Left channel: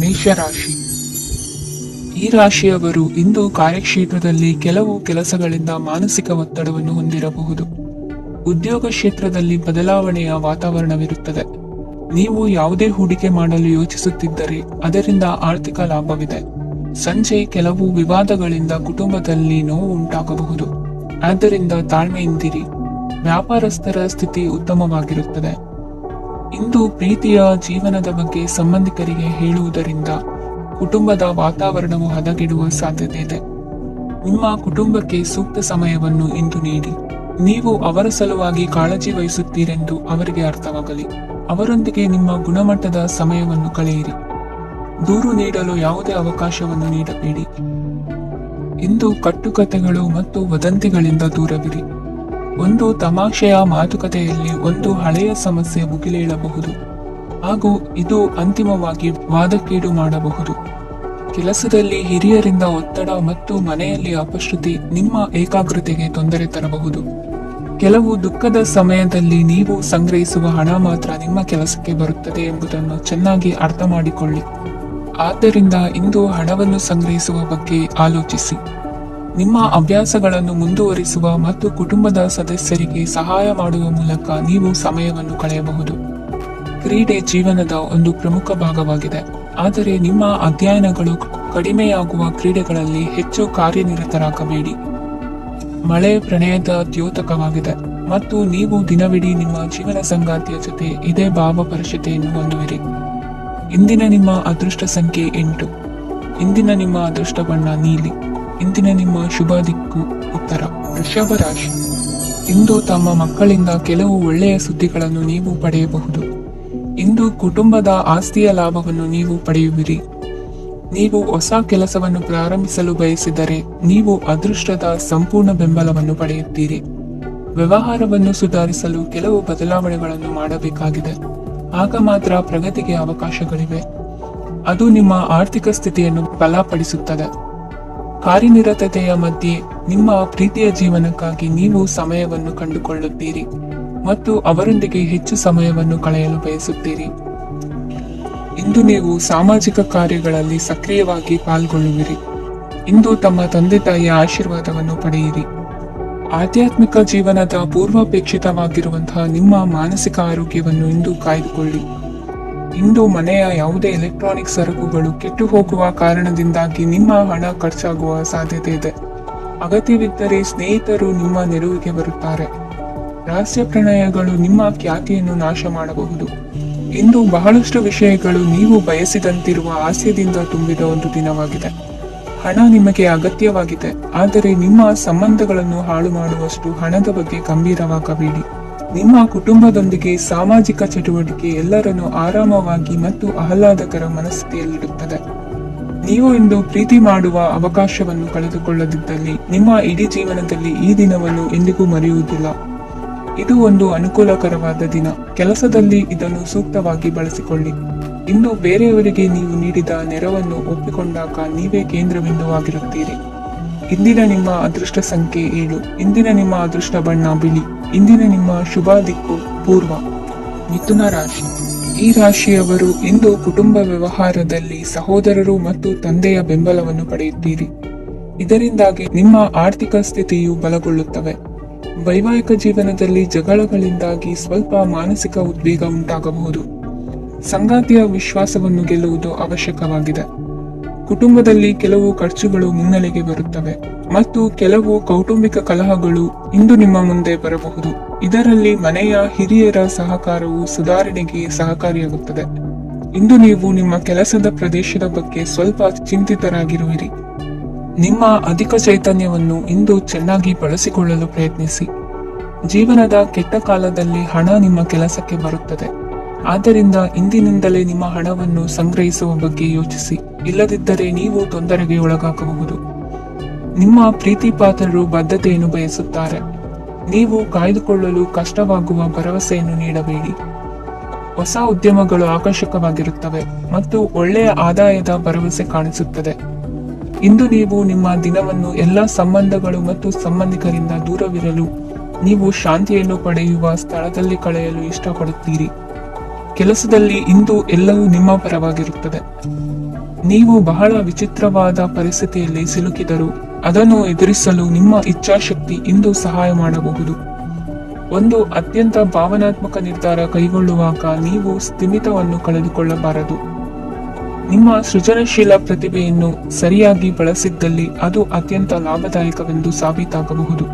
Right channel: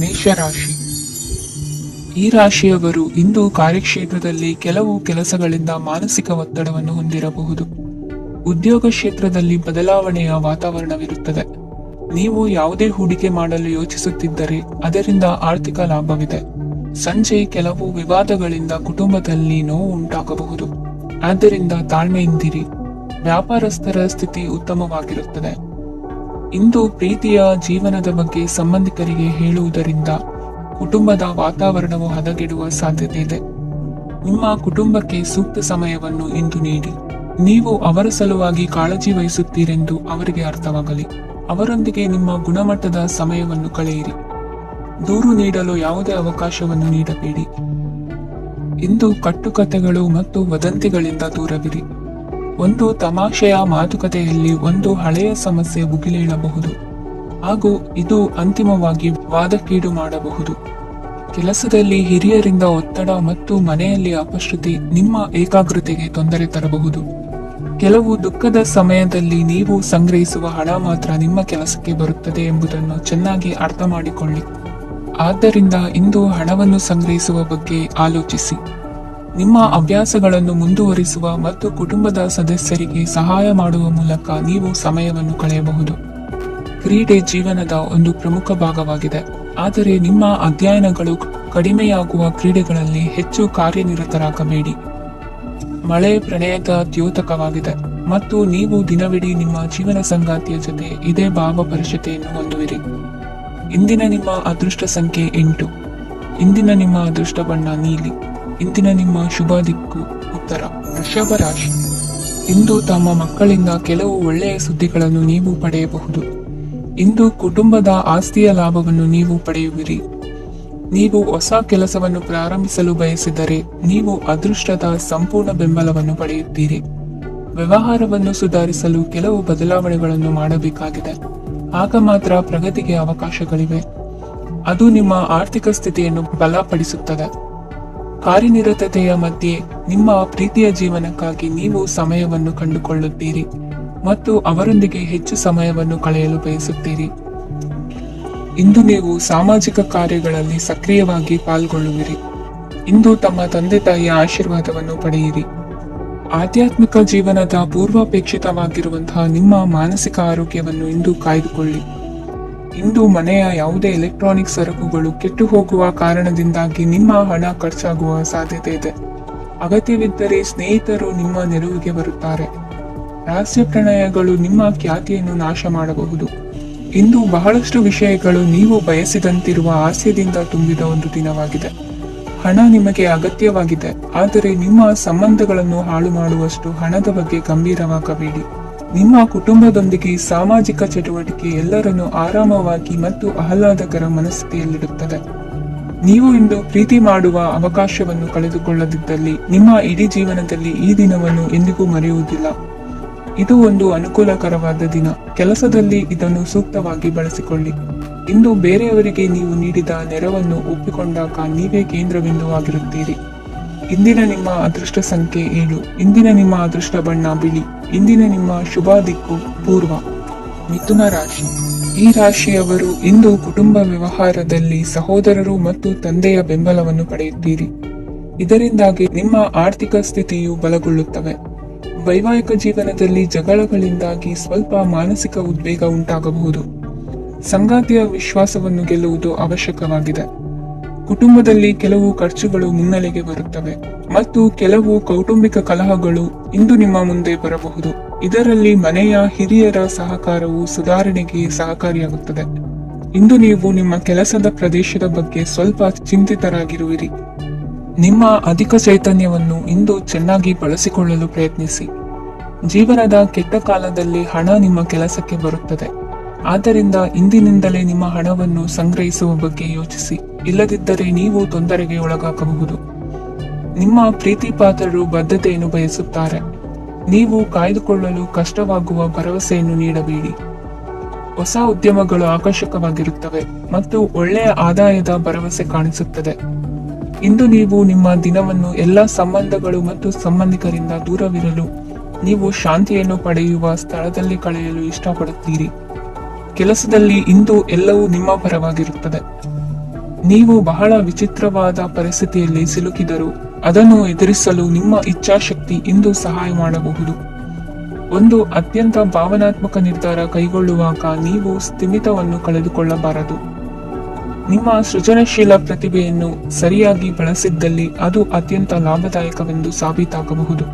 ಮೇಷರಾಶಿ. ಈ ರಾಶಿಯವರು ಇಂದು ಕಾರ್ಯಕ್ಷೇತ್ರದಲ್ಲಿ ಕೆಲವು ಕೆಲಸಗಳಿಂದ ಮಾನಸಿಕ ಒತ್ತಡವನ್ನು ಹೊಂದಿರಬಹುದು. ಉದ್ಯೋಗ ಕ್ಷೇತ್ರದಲ್ಲಿ ಬದಲಾವಣೆಯ ವಾತಾವರಣವಿರುತ್ತದೆ. ನೀವು ಯಾವುದೇ ಹೂಡಿಕೆ ಮಾಡಲು ಯೋಚಿಸುತ್ತಿದ್ದರೆ ಅದರಿಂದ ಆರ್ಥಿಕ ಲಾಭವಿದೆ. ಸಂಜೆ ಕೆಲವು ವಿವಾದಗಳಿಂದ ಕುಟುಂಬದಲ್ಲಿ ನೋವು ಉಂಟಾಗಬಹುದು. ಆದ್ದರಿಂದ ತಾಳ್ಮೆಯಿಂದಿರಿ. ವ್ಯಾಪಾರಸ್ಥರ ಸ್ಥಿತಿ ಉತ್ತಮವಾಗಿರುತ್ತದೆ. ಇಂದು ಪ್ರೀತಿಯ ಜೀವನದ ಬಗ್ಗೆ ಸಂಬಂಧಿಕರಿಗೆ ಹೇಳುವುದರಿಂದ ಕುಟುಂಬದ ವಾತಾವರಣವು ಹದಗೆಡುವ ಸಾಧ್ಯತೆ ಇದೆ. ನಿಮ್ಮ ಕುಟುಂಬಕ್ಕೆ ಸೂಕ್ತ ಸಮಯವನ್ನು ಇಂದು ನೀಡಿ. ನೀವು ಅವರ ಸಲುವಾಗಿ ಕಾಳಜಿ ವಹಿಸುತ್ತೀರೆಂದು ಅವರಿಗೆ ಅರ್ಥವಾಗಲಿ. ಅವರೊಂದಿಗೆ ನಿಮ್ಮ ಗುಣಮಟ್ಟದ ಸಮಯವನ್ನು ಕಳೆಯಿರಿ. ದೂರು ನೀಡಲು ಯಾವುದೇ ಅವಕಾಶವನ್ನು ನೀಡಬೇಡಿ. ಇಂದು ಕಟ್ಟುಕತೆಗಳು ಮತ್ತು ವದಂತಿಗಳಿಂದ ದೂರವಿರಿ. ಒಂದು ತಮಾಷೆಯ ಮಾತುಕತೆಯಲ್ಲಿ ಒಂದು ಹಳೆಯ ಸಮಸ್ಯೆ ಭುಗಿಲೇಳಬಹುದು ಹಾಗೂ ಇದು ಅಂತಿಮವಾಗಿ ವಾದಕ್ಕೀಡು ಮಾಡಬಹುದು. ಕೆಲಸದಲ್ಲಿ ಹಿರಿಯರಿಂದ ಒತ್ತಡ ಮತ್ತು ಮನೆಯಲ್ಲಿ ಅಪಶ್ರುತಿ ನಿಮ್ಮ ಏಕಾಗ್ರತೆಗೆ ತೊಂದರೆ ತರಬಹುದು. ಕೆಲವು ದುಃಖದ ಸಮಯದಲ್ಲಿ ನೀವು ಸಂಗ್ರಹಿಸುವ ಹಣ ಮಾತ್ರ ನಿಮ್ಮ ಕೆಲಸಕ್ಕೆ ಬರುತ್ತದೆ ಎಂಬುದನ್ನು ಚೆನ್ನಾಗಿ ಅರ್ಥ ಮಾಡಿಕೊಳ್ಳಿ. ಆದ್ದರಿಂದ ಇಂದು ಹಣವನ್ನು ಸಂಗ್ರಹಿಸುವ ಬಗ್ಗೆ ಆಲೋಚಿಸಿ. ನಿಮ್ಮ ಅಭ್ಯಾಸಗಳನ್ನು ಮುಂದುವರಿಸುವ ಮತ್ತು ಕುಟುಂಬದ ಸದಸ್ಯರಿಗೆ ಸಹಾಯ ಮಾಡುವ ಮೂಲಕ ನೀವು ಸಮಯವನ್ನು ಕಳೆಯಬಹುದು. ಕ್ರೀಡೆ ಜೀವನದ ಒಂದು ಪ್ರಮುಖ ಭಾಗವಾಗಿದೆ, ಆದರೆ ನಿಮ್ಮ ಅಧ್ಯಯನಗಳು ಕಡಿಮೆಯಾಗುವ ಕ್ರೀಡೆಗಳಲ್ಲಿ ಹೆಚ್ಚು ಕಾರ್ಯನಿರತರಾಗಬೇಡಿ. ಮಳೆ ಪ್ರಣಯದ ದ್ಯೋತಕವಾಗಿದೆ ಮತ್ತು ನೀವು ದಿನವಿಡೀ ನಿಮ್ಮ ಜೀವನ ಸಂಗಾತಿಯ ಜೊತೆ ಇದೇ ಭಾವಪರಿಷತೆಯನ್ನು ಹೊಂದುವಿರಿ. ಇಂದಿನ ನಿಮ್ಮ ಅದೃಷ್ಟ ಸಂಖ್ಯೆ 8. ಇಂದಿನ ನಿಮ್ಮ ಅದೃಷ್ಟ ಬಣ್ಣ ನೀಲಿ. ಇಂದಿನ ನಿಮ್ಮ ಶುಭ ದಿಕ್ಕು ಉತ್ತರ. ವೃಷಭ ರಾಶಿ. ಇಂದು ತಮ್ಮ ಮಕ್ಕಳಿಂದ ಕೆಲವು ಒಳ್ಳೆಯ ಸುದ್ದಿಗಳನ್ನು ನೀವು ಪಡೆಯಬಹುದು. ಇಂದು ಕುಟುಂಬದ ಆಸ್ತಿಯ ಲಾಭವನ್ನು ನೀವು ಪಡೆಯುವಿರಿ. ನೀವು ಹೊಸ ಕೆಲಸವನ್ನು ಪ್ರಾರಂಭಿಸಲು ಬಯಸಿದರೆ ನೀವು ಅದೃಷ್ಟದ ಸಂಪೂರ್ಣ ಬೆಂಬಲವನ್ನು ಪಡೆಯುತ್ತೀರಿ. ವ್ಯವಹಾರವನ್ನು ಸುಧಾರಿಸಲು ಕೆಲವು ಬದಲಾವಣೆಗಳನ್ನು ಮಾಡಬೇಕಾಗಿದೆ. ಆಗ ಮಾತ್ರ ಪ್ರಗತಿಗೆ ಅವಕಾಶಗಳಿವೆ. ಅದು ನಿಮ್ಮ ಆರ್ಥಿಕ ಸ್ಥಿತಿಯನ್ನು ಬಲಪಡಿಸುತ್ತದೆ. ಕಾರ್ಯನಿರತತೆಯ ಮಧ್ಯೆ ನಿಮ್ಮ ಪ್ರೀತಿಯ ಜೀವನಕ್ಕಾಗಿ ನೀವು ಸಮಯವನ್ನು ಕಂಡುಕೊಳ್ಳುತ್ತೀರಿ ಮತ್ತು ಅವರೊಂದಿಗೆ ಹೆಚ್ಚು ಸಮಯವನ್ನು ಕಳೆಯಲು ಬಯಸುತ್ತೀರಿ. ಇಂದು ನೀವು ಸಾಮಾಜಿಕ ಕಾರ್ಯಗಳಲ್ಲಿ ಸಕ್ರಿಯವಾಗಿ ಪಾಲ್ಗೊಳ್ಳುವಿರಿ. ಇಂದು ತಮ್ಮ ತಂದೆ ತಾಯಿಯ ಆಶೀರ್ವಾದವನ್ನು ಪಡೆಯಿರಿ. ಆಧ್ಯಾತ್ಮಿಕ ಜೀವನದ ಪೂರ್ವಾಪೇಕ್ಷಿತವಾಗಿರುವಂತಹ ನಿಮ್ಮ ಮಾನಸಿಕ ಆರೋಗ್ಯವನ್ನು ಇಂದು ಕಾಯ್ದುಕೊಳ್ಳಿ. ಇಂದು ಮನೆಯ ಯಾವುದೇ ಎಲೆಕ್ಟ್ರಾನಿಕ್ ಸರಕುಗಳು ಕೆಟ್ಟು ಹೋಗುವ ಕಾರಣದಿಂದಾಗಿ ನಿಮ್ಮ ಹಣ ಖರ್ಚಾಗುವ ಸಾಧ್ಯತೆ ಇದೆ. ಅಗತ್ಯವಿದ್ದರೆ ಸ್ನೇಹಿತರು ನಿಮ್ಮ ನೆರವಿಗೆ ಬರುತ್ತಾರೆ. ರಹಸ್ಯ ಪ್ರಣಯಗಳು ನಿಮ್ಮ ಖ್ಯಾತಿಯನ್ನು ನಾಶ ಮಾಡಬಹುದು. ಇಂದು ಬಹಳಷ್ಟು ವಿಷಯಗಳು ನೀವು ಬಯಸಿದಂತಿರುವ ಹಾಸ್ಯದಿಂದ ತುಂಬಿದ ಒಂದು ದಿನವಾಗಿದೆ. ಹಣ ನಿಮಗೆ ಅಗತ್ಯವಾಗಿದೆ, ಆದರೆ ನಿಮ್ಮ ಸಂಬಂಧಗಳನ್ನು ಹಾಳು ಮಾಡುವಷ್ಟು ಹಣದ ಬಗ್ಗೆ ಗಂಭೀರವಾಗಬೇಡಿ. ನಿಮ್ಮ ಕುಟುಂಬದೊಂದಿಗೆ ಸಾಮಾಜಿಕ ಚಟುವಟಿಕೆ ಎಲ್ಲರನ್ನು ಆರಾಮವಾಗಿ ಮತ್ತು ಆಹ್ಲಾದಕರ ಮನಸ್ಥಿತಿಯಲ್ಲಿಡುತ್ತದೆ. ನೀವು ಇಂದು ಪ್ರೀತಿ ಮಾಡುವ ಅವಕಾಶವನ್ನು ಕಳೆದುಕೊಳ್ಳದಿದ್ದಲ್ಲಿ ನಿಮ್ಮ ಇಡೀ ಜೀವನದಲ್ಲಿ ಈ ದಿನವನ್ನು ಎಂದಿಗೂ ಮರೆಯುವುದಿಲ್ಲ. ಇದು ಒಂದು ಅನುಕೂಲಕರವಾದ ದಿನ. ಕೆಲಸದಲ್ಲಿ ಇದನ್ನು ಸೂಕ್ತವಾಗಿ ಬಳಸಿಕೊಳ್ಳಿ. ಇಂದು ಬೇರೆಯವರಿಗೆ ನೀವು ನೀಡಿದ ನೆರವನ್ನು ಒಪ್ಪಿಕೊಂಡಾಗ ನೀವೇ ಕೇಂದ್ರಬಿಂದುವಾಗಿರುತ್ತೀರಿ. ಇಂದಿನ ನಿಮ್ಮ ಅದೃಷ್ಟ ಸಂಖ್ಯೆ 7. ಇಂದಿನ ನಿಮ್ಮ ಅದೃಷ್ಟ ಬಣ್ಣ ಬಿಳಿ. ಇಂದಿನ ನಿಮ್ಮ ಶುಭ ದಿಕ್ಕು ಪೂರ್ವ. ಮಿಥುನ ರಾಶಿ. ಈ ರಾಶಿಯವರು ಇಂದು ಕುಟುಂಬ ವ್ಯವಹಾರದಲ್ಲಿ ಸಹೋದರರು ಮತ್ತು ತಂದೆಯ ಬೆಂಬಲವನ್ನು ಪಡೆಯುತ್ತೀರಿ. ಇದರಿಂದಾಗಿ ನಿಮ್ಮ ಆರ್ಥಿಕ ಸ್ಥಿತಿಯು ಬಲಗೊಳ್ಳುತ್ತವೆ. ವೈವಾಹಿಕ ಜೀವನದಲ್ಲಿ ಜಗಳಗಳಿಂದಾಗಿ ಸ್ವಲ್ಪ ಮಾನಸಿಕ ಉದ್ವೇಗ ಉಂಟಾಗಬಹುದು. ಸಂಗಾತಿಯ ವಿಶ್ವಾಸವನ್ನು ಗೆಲ್ಲುವುದು ಅವಶ್ಯಕವಾಗಿದೆ. ಕುಟುಂಬದಲ್ಲಿ ಕೆಲವು ಖರ್ಚುಗಳು ಮುನ್ನೆಲೆಗೆ ಬರುತ್ತವೆ ಮತ್ತು ಕೆಲವು ಕೌಟುಂಬಿಕ ಕಲಹಗಳು ಇಂದು ನಿಮ್ಮ ಮುಂದೆ ಬರಬಹುದು. ಇದರಲ್ಲಿ ಮನೆಯ ಹಿರಿಯರ ಸಹಕಾರವು ಸುಧಾರಣೆಗೆ ಸಹಕಾರಿಯಾಗುತ್ತದೆ. ಇಂದು ನೀವು ನಿಮ್ಮ ಕೆಲಸದ ಪ್ರದೇಶದ ಬಗ್ಗೆ ಸ್ವಲ್ಪ ಚಿಂತಿತರಾಗಿರುವಿರಿ. ನಿಮ್ಮ ಅಧಿಕ ಚೈತನ್ಯವನ್ನು ಇಂದು ಚೆನ್ನಾಗಿ ಬಳಸಿಕೊಳ್ಳಲು ಪ್ರಯತ್ನಿಸಿ. ಜೀವನದ ಕೆಟ್ಟ ಕಾಲದಲ್ಲಿ ಹಣ ನಿಮ್ಮ ಕೆಲಸಕ್ಕೆ ಬರುತ್ತದೆ. ಆದ್ದರಿಂದ ಇಂದಿನಿಂದಲೇ ನಿಮ್ಮ ಹಣವನ್ನು ಸಂಗ್ರಹಿಸುವ ಬಗ್ಗೆ ಯೋಚಿಸಿ. ಇಲ್ಲದಿದ್ದರೆ ನೀವು ತೊಂದರೆಗೆ ಒಳಗಾಗಬಹುದು. ನಿಮ್ಮ ಪ್ರೀತಿ ಪಾತ್ರರು ಬದ್ಧತೆಯನ್ನು ಬಯಸುತ್ತಾರೆ. ನೀವು ಕಾಯ್ದುಕೊಳ್ಳಲು ಕಷ್ಟವಾಗುವ ಭರವಸೆಯನ್ನು ನೀಡಬೇಡಿ. ಹೊಸ ಉದ್ಯಮಗಳು ಆಕರ್ಷಕವಾಗಿರುತ್ತವೆ ಮತ್ತು ಒಳ್ಳೆಯ ಆದಾಯದ ಭರವಸೆ ಕಾಣಿಸುತ್ತದೆ. ಇಂದು ನೀವು ನಿಮ್ಮ ದಿನವನ್ನು ಎಲ್ಲ ಸಂಬಂಧಗಳು ಮತ್ತು ಸಂಬಂಧಿಕರಿಂದ ದೂರವಿರಲು ನೀವು ಶಾಂತಿಯನ್ನು ಪಡೆಯುವ ಸ್ಥಳದಲ್ಲಿ ಕಳೆಯಲು ಇಷ್ಟಪಡುತ್ತೀರಿ. ಕೆಲಸದಲ್ಲಿ ಇಂದು ಎಲ್ಲವೂ ನಿಮ್ಮ ಪರವಾಗಿರುತ್ತದೆ. ನೀವು ಬಹಳ ವಿಚಿತ್ರವಾದ ಪರಿಸ್ಥಿತಿಯಲ್ಲಿ ಸಿಲುಕಿದರೂ ಅದನ್ನು ಎದುರಿಸಲು ನಿಮ್ಮ ಇಚ್ಛಾಶಕ್ತಿ ಇಂದು ಸಹಾಯ ಮಾಡಬಹುದು. ಒಂದು ಅತ್ಯಂತ ಭಾವನಾತ್ಮಕ ನಿರ್ಧಾರ ಕೈಗೊಳ್ಳುವಾಗ ನೀವು ಸ್ಥಿಮಿತವನ್ನು ಕಳೆದುಕೊಳ್ಳಬಾರದು. ನಿಮ್ಮ ಸೃಜನಶೀಲ ಪ್ರತಿಭೆಯನ್ನು ಸರಿಯಾಗಿ ಬಳಸಿದ್ದಲ್ಲಿ ಅದು ಅತ್ಯಂತ ಲಾಭದಾಯಕವೆಂದು ಸಾಬೀತಾಗಬಹುದು.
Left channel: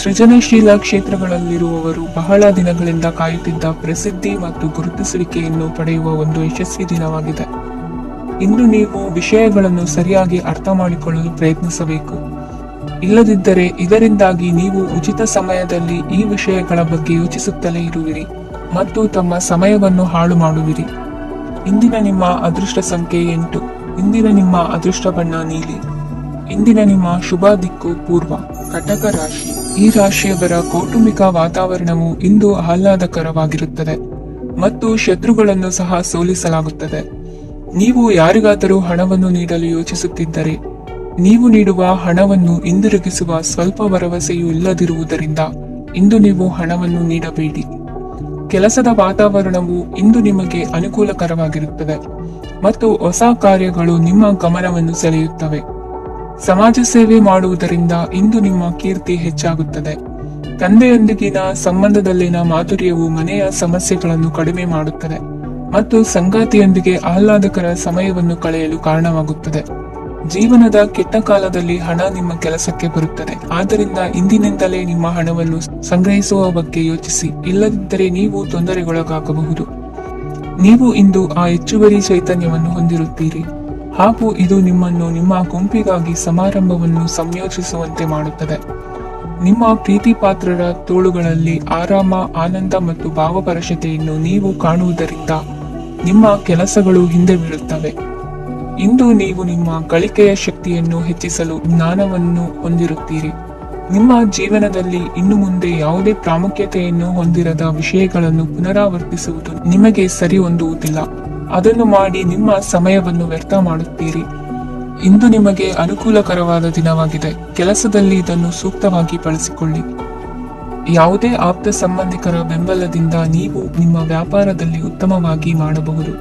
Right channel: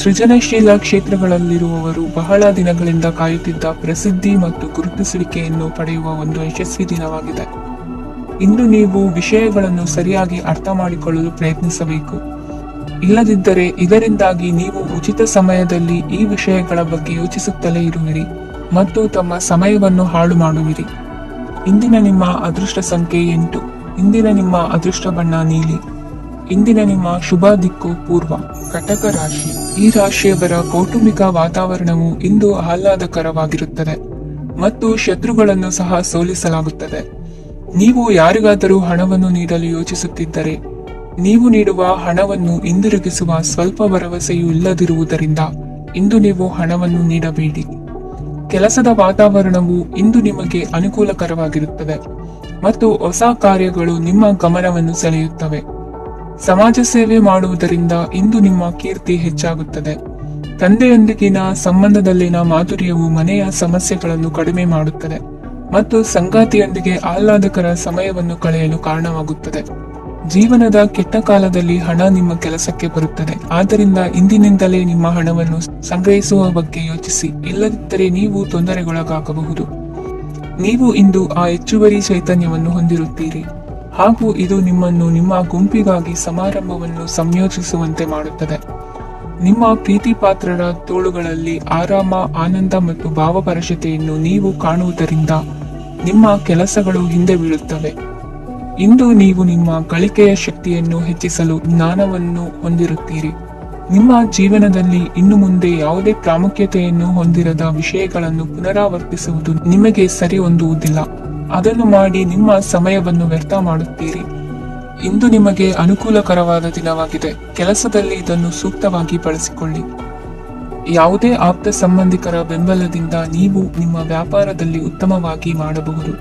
ಸೃಜನಶೀಲ ಕ್ಷೇತ್ರಗಳಲ್ಲಿರುವವರು ಬಹಳ ದಿನಗಳಿಂದ ಕಾಯುತ್ತಿದ್ದ ಪ್ರಸಿದ್ಧಿ ಮತ್ತು ಗುರುತಿಸುವಿಕೆಯನ್ನು ಪಡೆಯುವ ಒಂದು ಯಶಸ್ವಿ ದಿನವಾಗಿದೆ. ಇಂದು ನೀವು ವಿಷಯಗಳನ್ನು ಸರಿಯಾಗಿ ಅರ್ಥ ಮಾಡಿಕೊಳ್ಳಲು ಪ್ರಯತ್ನಿಸಬೇಕು. ಇಲ್ಲದಿದ್ದರೆ ಇದರಿಂದಾಗಿ ನೀವು ಉಚಿತ ಸಮಯದಲ್ಲಿ ಈ ವಿಷಯಗಳ ಬಗ್ಗೆ ಯೋಚಿಸುತ್ತಲೇ ಇರುವಿರಿ ಮತ್ತು ತಮ್ಮ ಸಮಯವನ್ನು ಹಾಳು ಮಾಡುವಿರಿ. ಇಂದಿನ ನಿಮ್ಮ ಅದೃಷ್ಟ ಸಂಖ್ಯೆ 8. ಇಂದಿನ ನಿಮ್ಮ ಅದೃಷ್ಟ ಬಣ್ಣ ನೀಲಿ. ಇಂದಿನ ನಿಮ್ಮ ಶುಭ ದಿಕ್ಕು ಪೂರ್ವ. ಕಟಕ ರಾಶಿ. ಈ ರಾಶಿಯವರ ಕೌಟುಂಬಿಕ ವಾತಾವರಣವು ಇಂದು ಆಹ್ಲಾದಕರವಾಗಿರುತ್ತದೆ ಮತ್ತು ಶತ್ರುಗಳನ್ನು ಸಹ ಸೋಲಿಸಲಾಗುತ್ತದೆ. ನೀವು ಯಾರಿಗಾದರೂ ಹಣವನ್ನು ನೀಡಲು ಯೋಚಿಸುತ್ತಿದ್ದರೆ ನೀವು ನೀಡುವ ಹಣವನ್ನು ಹಿಂದಿರುಗಿಸುವ ಸ್ವಲ್ಪ ಭರವಸೆಯೂ ಇಲ್ಲದಿರುವುದರಿಂದ ಇಂದು ನೀವು ಹಣವನ್ನು ನೀಡಬೇಡಿ. ಕೆಲಸದ ವಾತಾವರಣವು ಇಂದು ನಿಮಗೆ ಅನುಕೂಲಕರವಾಗಿರುತ್ತದೆ ಮತ್ತು ಹೊಸ ಕಾರ್ಯಗಳು ನಿಮ್ಮ ಗಮನವನ್ನು ಸೆಳೆಯುತ್ತವೆ. ಸಮಾಜ ಸೇವೆ ಮಾಡುವುದರಿಂದ ಇಂದು ನಿಮ್ಮ ಕೀರ್ತಿ ಹೆಚ್ಚಾಗುತ್ತದೆ. ತಂದೆಯೊಂದಿಗಿನ ಸಂಬಂಧದಲ್ಲಿನ ಮಾಧುರ್ಯವು ಮನೆಯ ಸಮಸ್ಯೆಗಳನ್ನು ಕಡಿಮೆ ಮಾಡುತ್ತದೆ ಮತ್ತು ಸಂಗಾತಿಯೊಂದಿಗೆ ಆಹ್ಲಾದಕರ ಸಮಯವನ್ನು ಕಳೆಯಲು ಕಾರಣವಾಗುತ್ತದೆ. ಜೀವನದ ಕೆಟ್ಟ ಕಾಲದಲ್ಲಿ ಹಣ ನಿಮ್ಮ ಕೆಲಸಕ್ಕೆ ಬರುತ್ತದೆ. ಆದ್ದರಿಂದ ಇಂದಿನಿಂದಲೇ ನಿಮ್ಮ ಹಣವನ್ನು ಸಂಗ್ರಹಿಸುವ ಬಗ್ಗೆ ಯೋಚಿಸಿ, ಇಲ್ಲದಿದ್ದರೆ ನೀವು ತೊಂದರೆಗೊಳಗಾಗಬಹುದು. ನೀವು ಇಂದು ಆ ಹೆಚ್ಚುವರಿ ಚೈತನ್ಯವನ್ನು ಹೊಂದಿರುತ್ತೀರಿ ಹಾಗೂ ಇದು ನಿಮ್ಮನ್ನು ನಿಮ್ಮ ಗುಂಪಿಗಾಗಿ ಸಮಾರಂಭವನ್ನು ಸಂಯೋಜಿಸುವಂತೆ ಮಾಡುತ್ತದೆ. ನಿಮ್ಮ ಪ್ರೀತಿ ಪಾತ್ರರ ತೋಳುಗಳಲ್ಲಿ ಆರಾಮ, ಆನಂದ ಮತ್ತು ಭಾವಪರಶತೆಯನ್ನು ನೀವು ಕಾಣುವುದರಿಂದ ನಿಮ್ಮ ಕೆಲಸಗಳು ಹಿಂದೆ ಬೀಳುತ್ತವೆ. ಇಂದು ನೀವು ನಿಮ್ಮ ಗಳಿಕೆಯ ಶಕ್ತಿಯನ್ನು ಹೆಚ್ಚಿಸಲು ಜ್ಞಾನವನ್ನು ಹೊಂದಿರುತ್ತೀರಿ. ನಿಮ್ಮ ಜೀವನದಲ್ಲಿ ಇನ್ನು ಮುಂದೆ ಯಾವುದೇ ಪ್ರಾಮುಖ್ಯತೆಯನ್ನು ಹೊಂದಿರದ ವಿಷಯಗಳನ್ನು ಪುನರಾವರ್ತಿಸುವುದು ನಿಮಗೆ ಸರಿ ಹೊಂದುವುದಿಲ್ಲ. ಅದನ್ನು ಮಾಡಿ ನಿಮ್ಮ ಸಮಯವನ್ನು ವ್ಯರ್ಥ ಮಾಡುತ್ತೀರಿ. ಇಂದು ನಿಮಗೆ ಅನುಕೂಲಕರವಾದ ದಿನವಾಗಿದೆ. ಕೆಲಸದಲ್ಲಿ ಇದನ್ನು ಸೂಕ್ತವಾಗಿ ಬಳಸಿಕೊಳ್ಳಿ. ಯಾವುದೇ ಆಪ್ತ ಸಂಬಂಧಿಕರ ಬೆಂಬಲದಿಂದ ನೀವು ನಿಮ್ಮ ವ್ಯಾಪಾರದಲ್ಲಿ ಉತ್ತಮವಾಗಿ ಮಾಡಬಹುದು.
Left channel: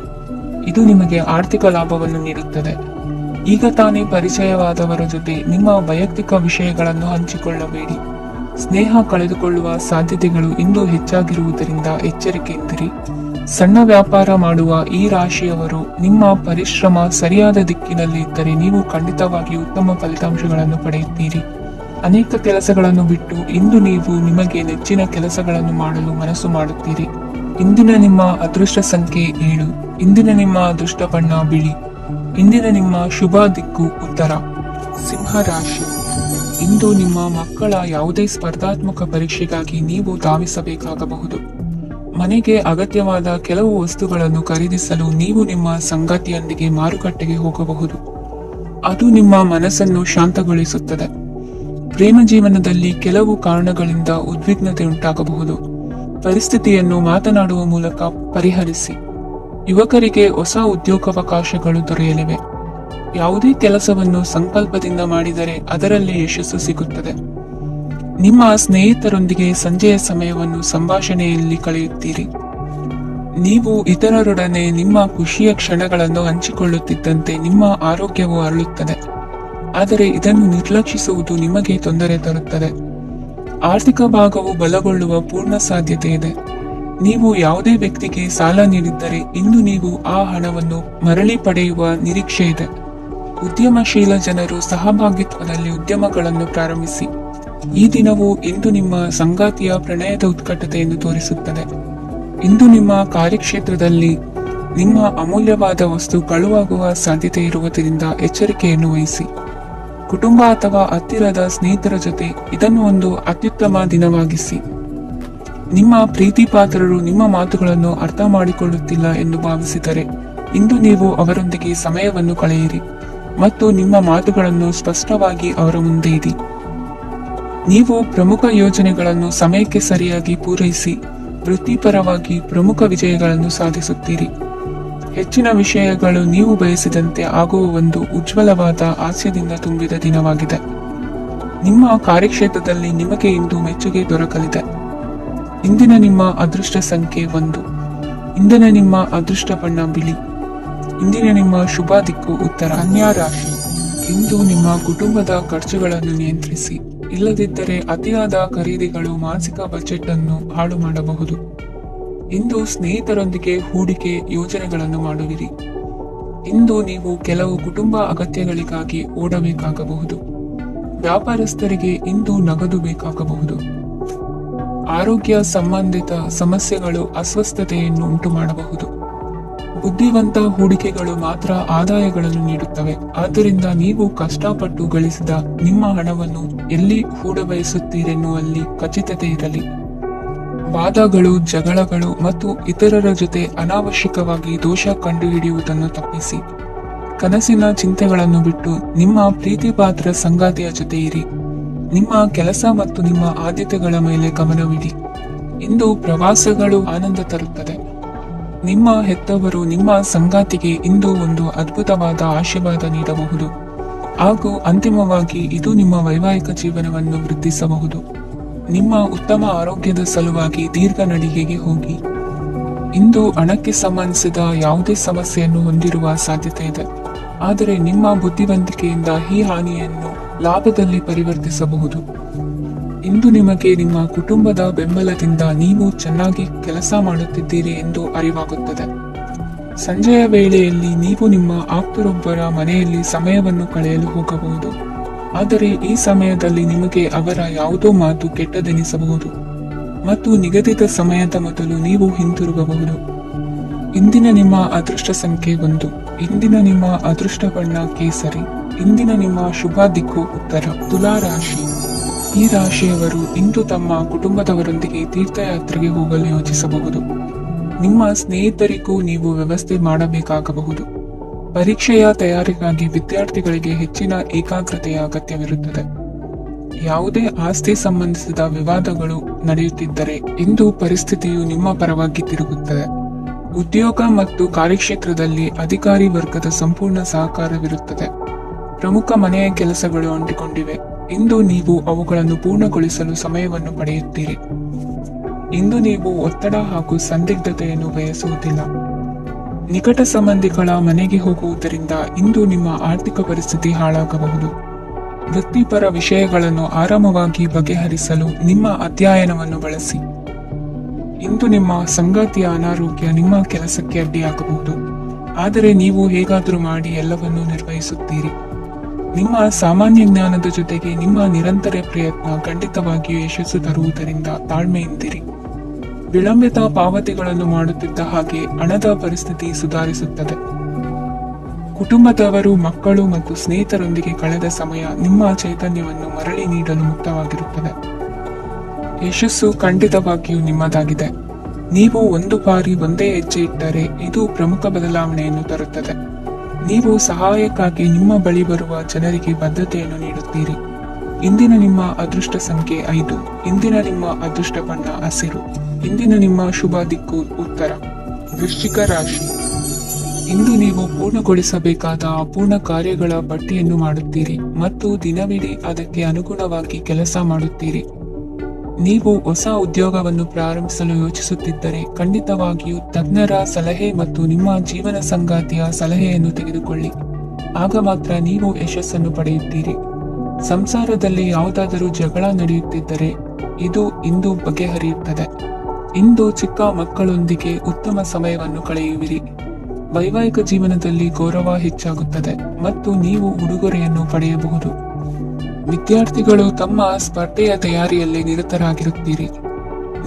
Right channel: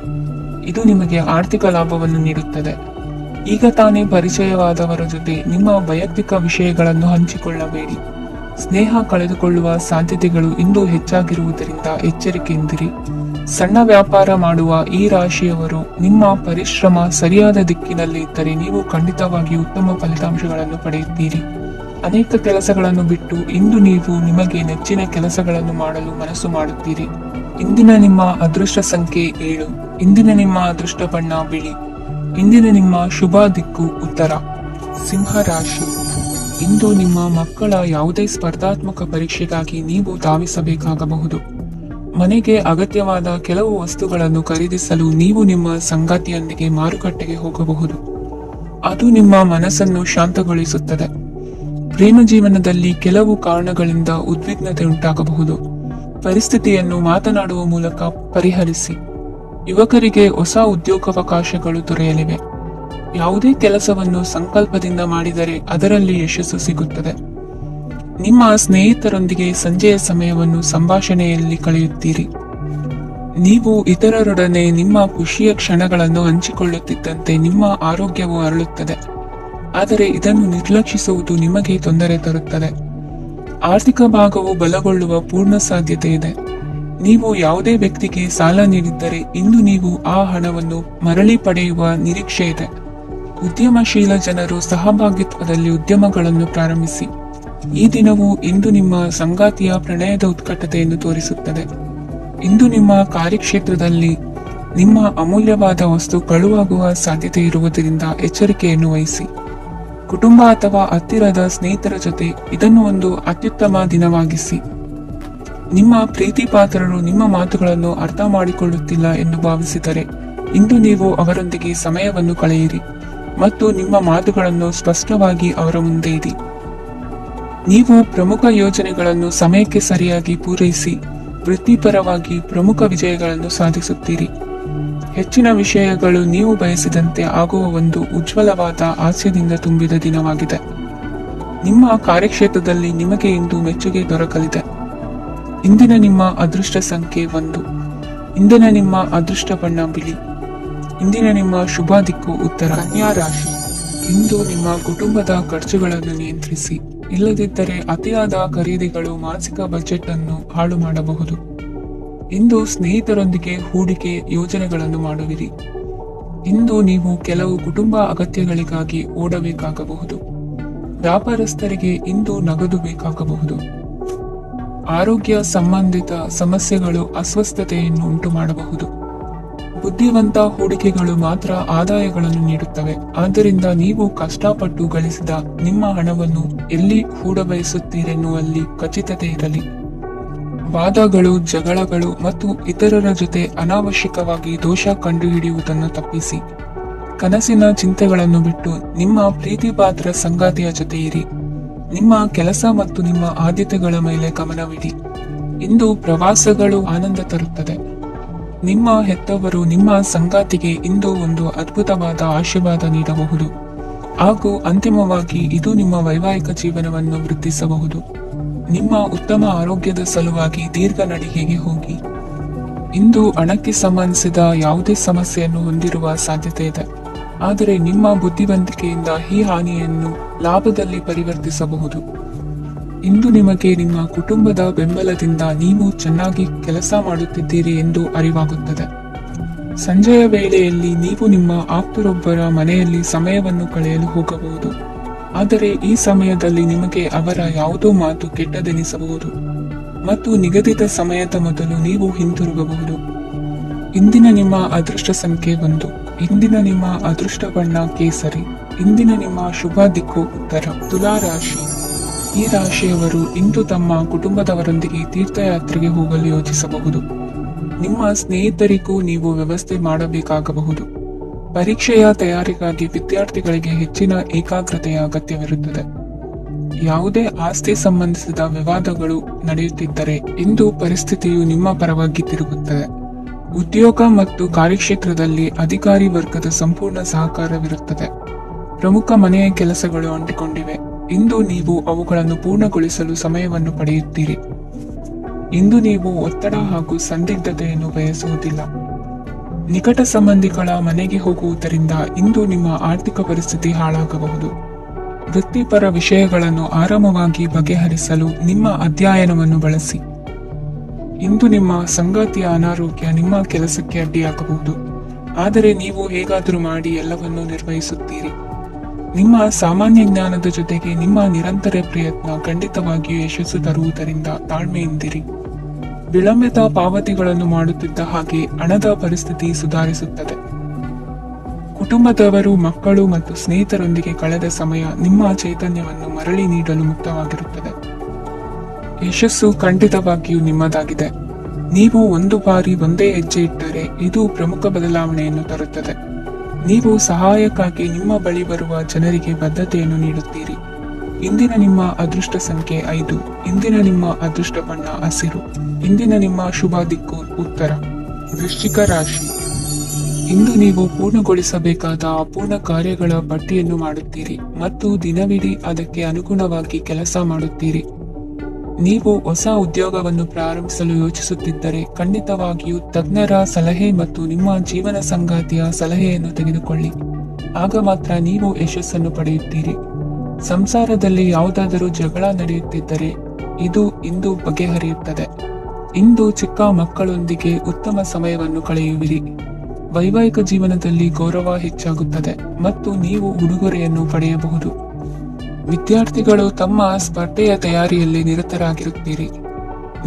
ಇದು ನಿಮಗೆ ಆರ್ಥಿಕ ಲಾಭವನ್ನು ನೀಡುತ್ತದೆ. ಈಗ ತಾನೇ ಪರಿಚಯವಾದವರ ಜೊತೆ ನಿಮ್ಮ ವೈಯಕ್ತಿಕ ವಿಷಯಗಳನ್ನು ಹಂಚಿಕೊಳ್ಳಬೇಡಿ. ಸ್ನೇಹ ಕಳೆದುಕೊಳ್ಳುವ ಸಾಧ್ಯತೆಗಳು ಇಂದು ಹೆಚ್ಚಾಗಿರುವುದರಿಂದ ಎಚ್ಚರಿಕೆಯಿಂದಿರಿ. ಸಣ್ಣ ವ್ಯಾಪಾರ ಮಾಡುವ ಈ ರಾಶಿಯವರು ನಿಮ್ಮ ಪರಿಶ್ರಮ ಸರಿಯಾದ ದಿಕ್ಕಿನಲ್ಲಿ ಇದ್ದರೆ ನೀವು ಖಂಡಿತವಾಗಿ ಉತ್ತಮ ಫಲಿತಾಂಶಗಳನ್ನು ಪಡೆಯುತ್ತೀರಿ. ಅನೇಕ ಕೆಲಸಗಳನ್ನು ಬಿಟ್ಟು ಇಂದು ನೀವು ನಿಮಗೆ ನೆಚ್ಚಿನ ಕೆಲಸಗಳನ್ನು ಮಾಡಲು ಮನಸ್ಸು ಮಾಡುತ್ತೀರಿ. ಇಂದಿನ ನಿಮ್ಮ ಅದೃಷ್ಟ ಸಂಖ್ಯೆ 7. ಇಂದಿನ ನಿಮ್ಮ ಅದೃಷ್ಟ ಬಣ್ಣ ಬಿಳಿ. ಇಂದಿನ ನಿಮ್ಮ ಶುಭ ದಿಕ್ಕು ಉತ್ತರ. ಸಿಂಹ ರಾಶಿ. ಇಂದು ನಿಮ್ಮ ಮಕ್ಕಳ ಯಾವುದೇ ಸ್ಪರ್ಧಾತ್ಮಕ ಪರೀಕ್ಷೆಗಾಗಿ ನೀವು ಧಾವಿಸಬೇಕಾಗಬಹುದು. ಮನೆಗೆ ಅಗತ್ಯವಾದ ಕೆಲವು ವಸ್ತುಗಳನ್ನು ಖರೀದಿಸಲು ನೀವು ನಿಮ್ಮ ಸಂಗಾತಿಯೊಂದಿಗೆ ಮಾರುಕಟ್ಟೆಗೆ ಹೋಗಬಹುದು. ಅದು ನಿಮ್ಮ ಮನಸ್ಸನ್ನು ಶಾಂತಗೊಳಿಸುತ್ತದೆ. ಪ್ರೇಮ ಜೀವನದಲ್ಲಿ ಕೆಲವು ಕಾರಣಗಳಿಂದ ಉದ್ವಿಗ್ನತೆ ಉಂಟಾಗಬಹುದು. ಪರಿಸ್ಥಿತಿಯನ್ನು ಮಾತನಾಡುವ ಮೂಲಕ ಪರಿಹರಿಸಿ. ಯುವಕರಿಗೆ ಹೊಸ ಉದ್ಯೋಗಾವಕಾಶಗಳು ದೊರೆಯಲಿವೆ. ಯಾವುದೇ ಕೆಲಸವನ್ನು ಸಂಕಲ್ಪದಿಂದ ಮಾಡಿದರೆ ಅದರಲ್ಲಿ ಯಶಸ್ಸು ಸಿಗುತ್ತದೆ. ನಿಮ್ಮ ಸ್ನೇಹಿತರೊಂದಿಗೆ ಸಂಜೆಯ ಸಮಯವನ್ನು ಸಂಭಾಷಣೆಯಲ್ಲಿ ಕಳೆಯುತ್ತೀರಿ. ನೀವು ಇತರರೊಡನೆ ನಿಮ್ಮ ಖುಷಿಯ ಕ್ಷಣಗಳನ್ನು ಹಂಚಿಕೊಳ್ಳುತ್ತಿದ್ದಂತೆ ನಿಮ್ಮ ಆರೋಗ್ಯವು ಅರಳುತ್ತದೆ. ಆದರೆ ಇದನ್ನು ನಿರ್ಲಕ್ಷಿಸುವುದು ನಿಮಗೆ ತೊಂದರೆ ತರುತ್ತದೆ. ಆರ್ಥಿಕ ಭಾಗವು ಬಲಗೊಳ್ಳುವ ಪೂರ್ಣ ಸಾಧ್ಯತೆ ಇದೆ. ನೀವು ಯಾವುದೇ ವ್ಯಕ್ತಿಗೆ ಸಾಲ ನೀಡಿದ್ದರೆ ಇಂದು ನೀವು ಆ ಹಣವನ್ನು ಮರಳಿ ಪಡೆಯುವ ನಿರೀಕ್ಷೆ ಇದೆ. ಉದ್ಯಮಶೀಲ ಜನರು ಸಹಭಾಗಿತ್ವದಲ್ಲಿ ಉದ್ಯಮಗಳನ್ನು ಪ್ರಾರಂಭಿಸಿ. ಈ ದಿನವು ಇಂದು ನಿಮ್ಮ ಸಂಗಾತಿಯ ಪ್ರಣಯದ ಉತ್ಕಟತೆಯನ್ನು ತೋರಿಸುತ್ತದೆ. ಇಂದು ನಿಮ್ಮ ಕಾರ್ಯಕ್ಷೇತ್ರದಲ್ಲಿ ನಿಮ್ಮ ಅಮೂಲ್ಯವಾದ ವಸ್ತು ಕಳುವಾಗುವ ಸಾಧ್ಯತೆ ಇರುವುದರಿಂದ ಎಚ್ಚರಿಕೆಯನ್ನು ವಹಿಸಿ. ಕುಟುಂಬ ಅಥವಾ ಹತ್ತಿರದ ಸ್ನೇಹಿತರ ಜೊತೆ ಇದನ್ನು ಒಂದು ಅತ್ಯುತ್ತಮ ದಿನವಾಗಿಸಿ. ನಿಮ್ಮ ಪ್ರೀತಿ ಪಾತ್ರರು ನಿಮ್ಮ ಮಾತುಗಳನ್ನು ಅರ್ಥ ಮಾಡಿಕೊಳ್ಳುತ್ತಿಲ್ಲ ಎಂದು ಭಾವಿಸಿದರೆ ಇಂದು ನೀವು ಅವರೊಂದಿಗೆ ಸಮಯವನ್ನು ಕಳೆಯಿರಿ ಮತ್ತು ನಿಮ್ಮ ಮಾತುಗಳನ್ನು ಸ್ಪಷ್ಟವಾಗಿ ಅವರ ಮುಂದೆ ಇಡಿ. ನೀವು ಪ್ರಮುಖ ಯೋಜನೆಗಳನ್ನು ಸಮಯಕ್ಕೆ ಸರಿಯಾಗಿ ಪೂರೈಸಿ ವೃತ್ತಿಪರವಾಗಿ ಪ್ರಮುಖ ವಿಜಯಗಳನ್ನು ಸಾಧಿಸುತ್ತೀರಿ. ಹೆಚ್ಚಿನ ವಿಷಯಗಳು ನೀವು ಬಯಸಿದಂತೆ ಆಗುವ ಒಂದು ಉಜ್ವಲವಾದ ಹಾಸ್ಯದಿಂದ ತುಂಬಿದ ದಿನವಾಗಿದೆ. ನಿಮ್ಮ ಕಾರ್ಯಕ್ಷೇತ್ರದಲ್ಲಿ ನಿಮಗೆ ಇಂದು ಮೆಚ್ಚುಗೆ ದೊರಕಲಿದೆ. ಇಂದಿನ ನಿಮ್ಮ ಅದೃಷ್ಟ ಸಂಖ್ಯೆ 1. ಇಂದಿನ ನಿಮ್ಮ ಅದೃಷ್ಟ ಬಣ್ಣ ಬಿಳಿ. ಇಂದಿನ ನಿಮ್ಮ ಶುಭ ದಿಕ್ಕು ಉತ್ತರ. ಕನ್ಯಾ ರಾಶಿ. ಇಂದು ನಿಮ್ಮ ಕುಟುಂಬದ ಖರ್ಚುಗಳನ್ನು ನಿಯಂತ್ರಿಸಿ, ಇಲ್ಲದಿದ್ದರೆ ಅತಿಯಾದ ಖರೀದಿಗಳು ಮಾಸಿಕ ಬಜೆಟ್ ಅನ್ನು ಹಾಳು ಮಾಡಬಹುದು. ಇಂದು ಸ್ನೇಹಿತರೊಂದಿಗೆ ಹೂಡಿಕೆ ಯೋಜನೆಗಳನ್ನು ಮಾಡುವಿರಿ. ಇಂದು ನೀವು ಕೆಲವು ಕುಟುಂಬ ಅಗತ್ಯಗಳಿಗಾಗಿ ಓಡಬೇಕಾಗಬಹುದು. ವ್ಯಾಪಾರಸ್ಥರಿಗೆ ಇಂದು ನಗದು ಬೇಕಾಗಬಹುದು. ಆರೋಗ್ಯ ಸಂಬಂಧಿತ ಸಮಸ್ಯೆಗಳು ಅಸ್ವಸ್ಥತೆಯನ್ನು ಉಂಟು ಮಾಡಬಹುದು. ಬುದ್ಧಿವಂತ ಹೂಡಿಕೆಗಳು ಮಾತ್ರ ಆದಾಯಗಳನ್ನು ನೀಡುತ್ತವೆ. ಆದ್ದರಿಂದ ನೀವು ಕಷ್ಟಪಟ್ಟು ಗಳಿಸಿದ ನಿಮ್ಮ ಹಣವನ್ನು ಎಲ್ಲಿ ಹೂಡಬಯಸುತ್ತೀರೆನ್ನುವಲ್ಲಿ ಖಚಿತತೆ ಇರಲಿ. ವಾದಗಳು, ಜಗಳಗಳು ಮತ್ತು ಇತರರ ಜೊತೆ ಅನಾವಶ್ಯಕವಾಗಿ ದೋಷ ಕಂಡುಹಿಡಿಯುವುದನ್ನು ತಪ್ಪಿಸಿ. ಕನಸಿನ ಚಿಂತೆಗಳನ್ನು ಬಿಟ್ಟು ನಿಮ್ಮ ಪ್ರೀತಿಪಾತ್ರ ಸಂಗಾತಿಯ ಜೊತೆ ಇರಿ. ನಿಮ್ಮ ಕೆಲಸ ಮತ್ತು ನಿಮ್ಮ ಆದ್ಯತೆಗಳ ಮೇಲೆ ಗಮನವಿಡಿ. ಇಂದು ಪ್ರವಾಸಗಳು ಆನಂದ ತರುತ್ತದೆ. ನಿಮ್ಮ ಹೆತ್ತವರು ನಿಮ್ಮ ಸಂಗಾತಿಗೆ ಇಂದು ಒಂದು ಅದ್ಭುತವಾದ ಆಶೀರ್ವಾದ ನೀಡಬಹುದು ಹಾಗೂ ಅಂತಿಮವಾಗಿ ಇದು ನಿಮ್ಮ ವೈವಾಹಿಕ ಜೀವನವನ್ನು ವೃದ್ಧಿಸಬಹುದು. ನಿಮ್ಮ ಉತ್ತಮ ಆರೋಗ್ಯದ ಸಲುವಾಗಿ ದೀರ್ಘ ನಡಿಗೆಗೆ ಹೋಗಿ. ಇಂದು ಹಣಕ್ಕೆ ಸಂಬಂಧಿಸಿದ ಯಾವುದೇ ಸಮಸ್ಯೆಯನ್ನು ಹೊಂದಿರುವ ಸಾಧ್ಯತೆ ಇದೆ, ಆದರೆ ನಿಮ್ಮ ಬುದ್ಧಿವಂತಿಕೆಯಿಂದ ಈ ಹಾನಿಯನ್ನು ಲಾಭದಲ್ಲಿ ಪರಿವರ್ತಿಸಬಹುದು. ಇಂದು ನಿಮಗೆ ನಿಮ್ಮ ಕುಟುಂಬದ ಬೆಂಬಲದಿಂದ ನೀವು ಚೆನ್ನಾಗಿ ಕೆಲಸ ಮಾಡುತ್ತಿದ್ದೀರಿ ಎಂದು ಅರಿವಾಗುತ್ತದೆ. ಸಂಜೆಯ ವೇಳೆಯಲ್ಲಿ ನೀವು ನಿಮ್ಮ ಆಪ್ತರೊಬ್ಬರ ಮನೆಯಲ್ಲಿ ಸಮಯವನ್ನು ಕಳೆಯಲು ಹೋಗಬಹುದು, ಆದರೆ ಈ ಸಮಯದಲ್ಲಿ ನಿಮಗೆ ಅವರ ಯಾವುದೋ ಮಾತು ಕೆಟ್ಟದೆನಿಸಬಹುದು ಮತ್ತು ನಿಗದಿತ ಸಮಯದ ಮೊದಲು ನೀವು ಹಿಂತಿರುಗಬಹುದು. ಇಂದಿನ ನಿಮ್ಮ ಅದೃಷ್ಟ ಸಂಖ್ಯೆ 1. ಇಂದಿನ ನಿಮ್ಮ ಅದೃಷ್ಟ ಬಣ್ಣ ಕೇಸರಿ. ಇಂದಿನ ನಿಮ್ಮ ಶುಭ ದಿಕ್ಕು ಉತ್ತರ. ತುಲಾ ರಾಶಿ. ಈ ರಾಶಿಯವರು ಇಂದು ತಮ್ಮ ಕುಟುಂಬದವರೊಂದಿಗೆ ತೀರ್ಥಯಾತ್ರೆಗೆ ಹೋಗಲು ಯೋಚಿಸಬಹುದು. ನಿಮ್ಮ ಸ್ನೇಹಿತರಿಗೂ ನೀವು ವ್ಯವಸ್ಥೆ ಮಾಡಬೇಕಾಗಬಹುದು. ಪರೀಕ್ಷೆಯ ತಯಾರಿಗಾಗಿ ವಿದ್ಯಾರ್ಥಿಗಳಿಗೆ ಹೆಚ್ಚಿನ ಏಕಾಗ್ರತೆಯ ಅಗತ್ಯವಿರುತ್ತದೆ. ಯಾವುದೇ ಆಸ್ತಿ ಸಂಬಂಧಿಸಿದ ವಿವಾದಗಳು ನಡೆಯುತ್ತಿದ್ದರೆ ಇಂದು ಪರಿಸ್ಥಿತಿಯು ನಿಮ್ಮ ಪರವಾಗಿ ತಿರುಗುತ್ತದೆ. ಉದ್ಯೋಗ ಮತ್ತು ಕಾರ್ಯಕ್ಷೇತ್ರದಲ್ಲಿ ಅಧಿಕಾರಿ ವರ್ಗದ ಸಂಪೂರ್ಣ ಸಹಕಾರವಿರುತ್ತದೆ. ಪ್ರಮುಖ ಮನೆಯ ಕೆಲಸಗಳು ಅಂಟಿಕೊಂಡಿವೆ. ಇಂದು ನೀವು ಅವುಗಳನ್ನು ಪೂರ್ಣಗೊಳಿಸಲು ಸಮಯವನ್ನು ಪಡೆಯುತ್ತೀರಿ. ಇಂದು ನೀವು ಒತ್ತಡ ಹಾಗೂ ಸಂದಿಗ್ಧತೆಯನ್ನು ಬಯಸುವುದಿಲ್ಲ. ನಿಕಟ ಸಂಬಂಧಿಗಳ ಮನೆಗೆ ಹೋಗುವುದರಿಂದ ಇಂದು ನಿಮ್ಮ ಆರ್ಥಿಕ ಪರಿಸ್ಥಿತಿ ಹಾಳಾಗಬಹುದು. ವೃತ್ತಿಪರ ವಿಷಯಗಳನ್ನು ಆರಾಮವಾಗಿ ಬಗೆಹರಿಸಲು ನಿಮ್ಮ ಅಧ್ಯಯನವನ್ನು ಬಳಸಿ. ಇಂದು ನಿಮ್ಮ ಸಂಗಾತಿಯ ಅನಾರೋಗ್ಯ ನಿಮ್ಮ ಕೆಲಸಕ್ಕೆ ಅಡ್ಡಿಯಾಗಬಹುದು, ಆದರೆ ನೀವು ಹೇಗಾದರೂ ಮಾಡಿ ಎಲ್ಲವನ್ನೂ ನಿರ್ವಹಿಸುತ್ತೀರಿ. ನಿಮ್ಮ ಸಾಮಾನ್ಯ ಜ್ಞಾನದ ಜೊತೆಗೆ ನಿಮ್ಮ ನಿರಂತರ ಪ್ರಯತ್ನ ಖಂಡಿತವಾಗಿಯೂ ಯಶಸ್ಸು ತರುವುದರಿಂದ ತಾಳ್ಮೆಯಿಂದಿರಿ. ವಿಳಂಬಿತ ಪಾವತಿಗಳನ್ನು ಮಾಡುತ್ತಿದ್ದ ಹಾಗೆ ಹಣದ ಪರಿಸ್ಥಿತಿ ಸುಧಾರಿಸುತ್ತದೆ. ಕುಟುಂಬದವರು, ಮಕ್ಕಳು ಮತ್ತು ಸ್ನೇಹಿತರೊಂದಿಗೆ ಕಳೆದ ಸಮಯ ನಿಮ್ಮ ಚೈತನ್ಯವನ್ನು ಮರಳಿ ನೀಡಲು ಮುಕ್ತವಾಗಿರುತ್ತದೆ. ಯಶಸ್ಸು ಖಂಡಿತವಾಗಿಯೂ ನಿಮ್ಮದಾಗಿದೆ. ನೀವು ಒಂದು ಬಾರಿ ಒಂದೇ ಹೆಜ್ಜೆ ಇಟ್ಟರೆ ಇದು ಪ್ರಮುಖ ಬದಲಾವಣೆಯನ್ನು ತರುತ್ತದೆ. ನೀವು ಸಹಾಯಕ್ಕಾಗಿ ನಿಮ್ಮ ಬಳಿ ಬರುವ ಜನರಿಗೆ ಬದ್ಧತೆಯನ್ನು ನೀಡುತ್ತೀರಿ. ಇಂದಿನ ನಿಮ್ಮ ಅದೃಷ್ಟ ಸಂಖ್ಯೆ 5. ಇಂದಿನ ನಿಮ್ಮ ಅದೃಷ್ಟ ಬಣ್ಣ ಹಸಿರು. ಇಂದಿನ ನಿಮ್ಮ ಶುಭ ದಿಕ್ಕು ಉತ್ತರ. ವೃಶ್ಚಿಕ ರಾಶಿ. ಇಂದು ನೀವು ಪೂರ್ಣಗೊಳಿಸಬೇಕಾದ ಅಪೂರ್ಣ ಕಾರ್ಯಗಳ ಪಟ್ಟಿಯನ್ನು ಮಾಡುತ್ತೀರಿ ಮತ್ತು ದಿನವಿಡೀ ಅದಕ್ಕೆ ಅನುಗುಣವಾಗಿ ಕೆಲಸ ಮಾಡುತ್ತೀರಿ. ನೀವು ಹೊಸ ಉದ್ಯೋಗವನ್ನು ಪ್ರಾರಂಭಿಸಲು ಯೋಚಿಸುತ್ತಿದ್ದರೆ ಖಂಡಿತವಾಗಿಯೂ ತಜ್ಞರ ಸಲಹೆ ಮತ್ತು ನಿಮ್ಮ ಜೀವನ ಸಂಗಾತಿಯ ಸಲಹೆಯನ್ನು ತೆಗೆದುಕೊಳ್ಳಿ. ಆಗ ಮಾತ್ರ ನೀವು ಯಶಸ್ಸನ್ನು ಪಡೆಯುತ್ತೀರಿ. ಸಂಸಾರದಲ್ಲಿ ಯಾವುದಾದರೂ ಜಗಳ ನಡೆಯುತ್ತಿದ್ದರೆ ಇದು ಇಂದು ಬಗೆಹರಿಯುತ್ತದೆ. ಇಂದು ಚಿಕ್ಕ ಮಕ್ಕಳೊಂದಿಗೆ ಉತ್ತಮ ಸಮಯವನ್ನು ಕಳೆಯುವಿರಿ. ವೈವಾಹಿಕ ಜೀವನದಲ್ಲಿ ಗೌರವ ಹೆಚ್ಚಾಗುತ್ತದೆ ಮತ್ತು ನೀವು ಉಡುಗೊರೆಯನ್ನು ಪಡೆಯಬಹುದು. ವಿದ್ಯಾರ್ಥಿಗಳು ತಮ್ಮ ಸ್ಪರ್ಧೆಯ ತಯಾರಿಯಲ್ಲಿ ನಿರತರಾಗಿರುತ್ತೀರಿ.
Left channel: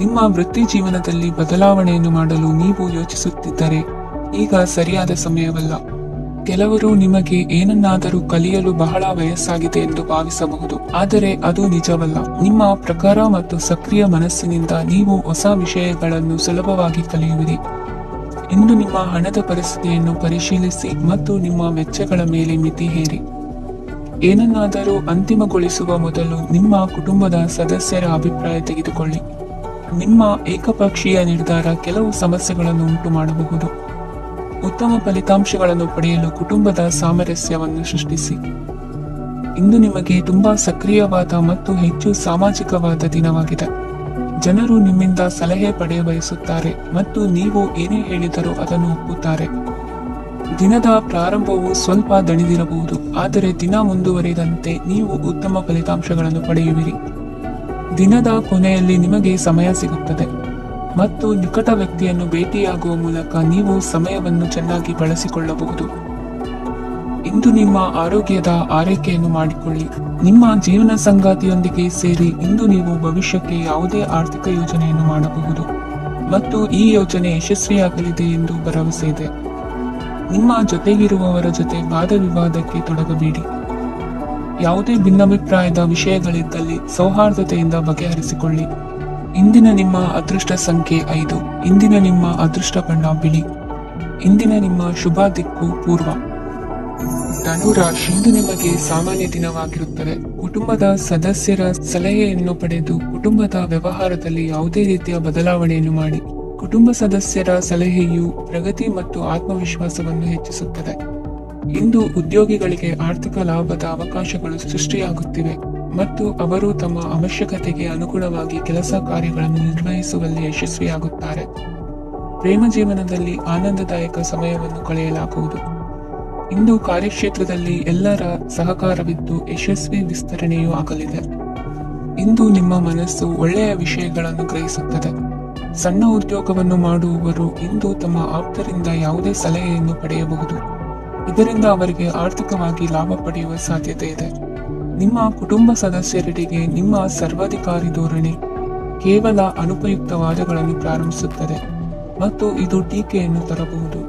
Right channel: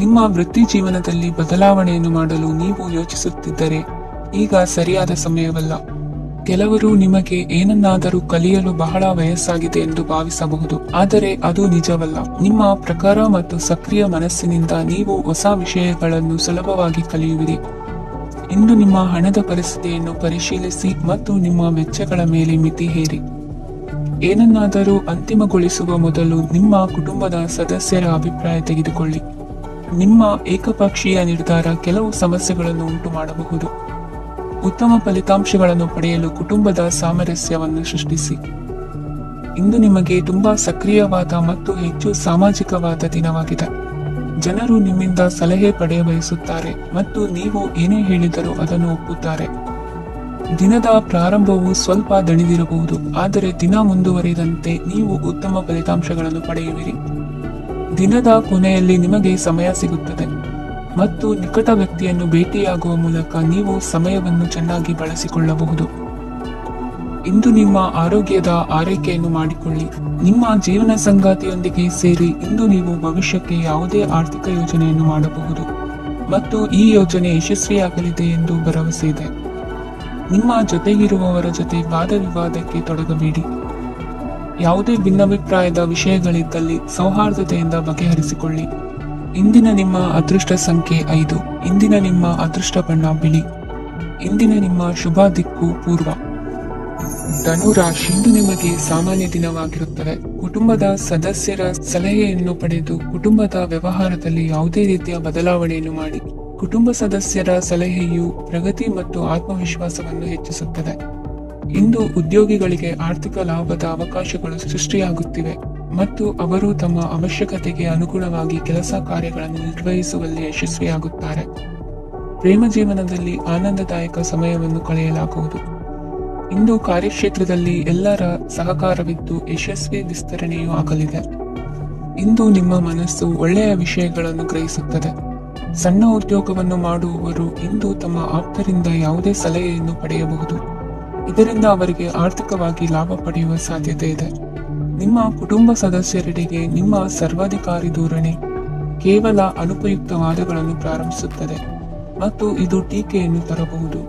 ನಿಮ್ಮ ವೃತ್ತಿ ಜೀವನದಲ್ಲಿ ಬದಲಾವಣೆಯನ್ನು ಮಾಡಲು ನೀವು ಯೋಚಿಸುತ್ತಿದ್ದರೆ ಈಗ ಸರಿಯಾದ ಸಮಯವಲ್ಲ. ಕೆಲವರು ನಿಮಗೆ ಏನನ್ನಾದರೂ ಕಲಿಯಲು ಬಹಳ ವಯಸ್ಸಾಗಿದೆ ಎಂದು ಭಾವಿಸಬಹುದು, ಆದರೆ ಅದು ನಿಜವಲ್ಲ. ನಿಮ್ಮ ಪ್ರಖರ ಮತ್ತು ಸಕ್ರಿಯ ಮನಸ್ಸಿನಿಂದ ನೀವು ಹೊಸ ವಿಷಯಗಳನ್ನು ಸುಲಭವಾಗಿ ಕಲಿಯುವಿರಿ. ಇಂದು ನಿಮ್ಮ ಹಣದ ಪರಿಸ್ಥಿತಿಯನ್ನು ಪರಿಶೀಲಿಸಿ ಮತ್ತು ನಿಮ್ಮ ವೆಚ್ಚಗಳ ಮೇಲೆ ಮಿತಿ ಹೇರಿ. ಏನನ್ನಾದರೂ ಅಂತಿಮಗೊಳಿಸುವ ಮೊದಲು ನಿಮ್ಮ ಕುಟುಂಬದ ಸದಸ್ಯರ ಅಭಿಪ್ರಾಯ ತೆಗೆದುಕೊಳ್ಳಿ. ನಿಮ್ಮ ಏಕಪಕ್ಷೀಯ ನಿರ್ಧಾರ ಕೆಲವು ಸಮಸ್ಯೆಗಳನ್ನು ಉಂಟು ಮಾಡಬಹುದು. ಉತ್ತಮ ಫಲಿತಾಂಶಗಳನ್ನು ಪಡೆಯಲು ಕುಟುಂಬದ ಸಾಮರಸ್ಯವನ್ನು ಸೃಷ್ಟಿಸಿ. ಇಂದು ನಿಮಗೆ ತುಂಬಾ ಸಕ್ರಿಯವಾದ ಮತ್ತು ಹೆಚ್ಚು ಸಾಮಾಜಿಕವಾದ ದಿನವಾಗಿದೆ. ಜನರು ನಿಮ್ಮಿಂದ ಸಲಹೆ ಪಡೆಯ ಬಯಸುತ್ತಾರೆ ಮತ್ತು ನೀವು ಏನೇ ಹೇಳಿದರೂ ಅದನ್ನು ಒಪ್ಪುತ್ತಾರೆ. ದಿನದ ಪ್ರಾರಂಭವು ಸ್ವಲ್ಪ ದಣಿದಿರಬಹುದು, ಆದರೆ ದಿನ ಮುಂದುವರಿದಂತೆ ನೀವು ಉತ್ತಮ ಫಲಿತಾಂಶಗಳನ್ನು ಪಡೆಯುವಿರಿ. ದಿನದ ಕೊನೆಯಲ್ಲಿ ನಿಮಗೆ ಸಮಯ ಸಿಗುತ್ತದೆ ಮತ್ತು ನಿಕಟ ವ್ಯಕ್ತಿಯನ್ನು ಭೇಟಿಯಾಗುವ ಮೂಲಕ ನೀವು ಸಮಯವನ್ನು ಚೆನ್ನಾಗಿ ಬಳಸಿಕೊಳ್ಳಬಹುದು. ಇಂದು ನಿಮ್ಮ ಆರೋಗ್ಯದ ಆರೈಕೆಯನ್ನು ಮಾಡಿಕೊಳ್ಳಿ. ನಿಮ್ಮ ಜೀವನ ಸಂಗಾತಿಯೊಂದಿಗೆ ಸೇರಿ ಇಂದು ನೀವು ಭವಿಷ್ಯಕ್ಕೆ ಯಾವುದೇ ಆರ್ಥಿಕ ಯೋಜನೆಯನ್ನು ಮಾಡಬಹುದು ಮತ್ತು ಈ ಯೋಜನೆ ಯಶಸ್ವಿಯಾಗಲಿದೆ ಎಂದು ಭರವಸೆ ಇದೆ. ನಿಮ್ಮ ಜೊತೆಗಿರುವವರ ಜೊತೆ ವಾದ ವಿವಾದಕ್ಕೆ ತೊಡಗಬೇಡಿ. ಯಾವುದೇ ಭಿನ್ನಾಭಿಪ್ರಾಯದ ವಿಷಯಗಳಿದ್ದಲ್ಲಿ ಸೌಹಾರ್ದತೆಯಿಂದ ಬಗೆಹರಿಸಿಕೊಳ್ಳಿ. ಇಂದಿನ ನಿಮ್ಮ ಅದೃಷ್ಟ ಸಂಖ್ಯೆ 5. ಇಂದಿನ ನಿಮ್ಮ ಅದೃಷ್ಟ ಬಣ್ಣ ಬಿಳಿ. ಇಂದಿನ ನಿಮ್ಮ ಶುಭ ದಿಕ್ಕು ಪೂರ್ವ. ಧನುರಾಶಿ, ಇಂದು ನಿಮಗೆ ಸಾಮಾನ್ಯ ದಿನವಾಗಿರುತ್ತದೆ. ಕುಟುಂಬದ ಸದಸ್ಯರ ಸಲಹೆಯನ್ನು ಪಡೆದು ಕುಟುಂಬದ ವ್ಯವಹಾರದಲ್ಲಿ ಯಾವುದೇ ರೀತಿಯ ಬದಲಾವಣೆಯನ್ನು ಮಾಡಿ. ಕುಟುಂಬ ಸದಸ್ಯರ ಸಲಹೆಯು ಪ್ರಗತಿ ಮತ್ತು ಆತ್ಮವಿಶ್ವಾಸವನ್ನು ಹೆಚ್ಚಿಸುತ್ತದೆ. ಇಂದು ಉದ್ಯೋಗಿಗಳಿಗೆ ಆರ್ಥಿಕ ಲಾಭದ ಅವಕಾಶಗಳು ಸೃಷ್ಟಿಯಾಗುತ್ತಿವೆ ಮತ್ತು ಅವರು ತಮ್ಮ ಅವಶ್ಯಕತೆಗೆ ಅನುಗುಣವಾಗಿ ಕೆಲಸ ಕಾರ್ಯಗಳನ್ನು ನಿರ್ವಹಿಸುವಲ್ಲಿ ಯಶಸ್ವಿಯಾಗುತ್ತಾರೆ. ಪ್ರೇಮ ಜೀವನದಲ್ಲಿ ಆನಂದದಾಯಕ ಸಮಯವನ್ನು ಕಳೆಯಲಾಗುವುದು. ಇಂದು ಕಾರ್ಯಕ್ಷೇತ್ರದಲ್ಲಿ ಎಲ್ಲರ ಸಹಕಾರವಿದ್ದು ಯಶಸ್ವಿ ವಿಸ್ತರಣೆಯೂ ಆಗಲಿದೆ. ಇಂದು ನಿಮ್ಮ ಮನಸ್ಸು ಒಳ್ಳೆಯ ವಿಷಯಗಳನ್ನು ಗ್ರಹಿಸುತ್ತದೆ. ಸಣ್ಣ ಉದ್ಯೋಗವನ್ನು ಮಾಡುವವರು ಇಂದು ತಮ್ಮ ಆಪ್ತರಿಂದ ಯಾವುದೇ ಸಲಹೆಯನ್ನು ಪಡೆಯಬಹುದು. ಇದರಿಂದ ಅವರಿಗೆ ಆರ್ಥಿಕವಾಗಿ ಲಾಭ ಪಡೆಯುವ ಸಾಧ್ಯತೆ ಇದೆ. ನಿಮ್ಮ ಕುಟುಂಬ ಸದಸ್ಯರೆಡೆಗೆ ನಿಮ್ಮ ಸರ್ವಾಧಿಕಾರಿ ಧೋರಣೆ ಕೇವಲ ಅನುಪಯುಕ್ತ ವಾದಗಳನ್ನು ಪ್ರಾರಂಭಿಸುತ್ತದೆ ಮತ್ತು ಇದು ಟೀಕೆಯನ್ನು ತರಬಹುದು.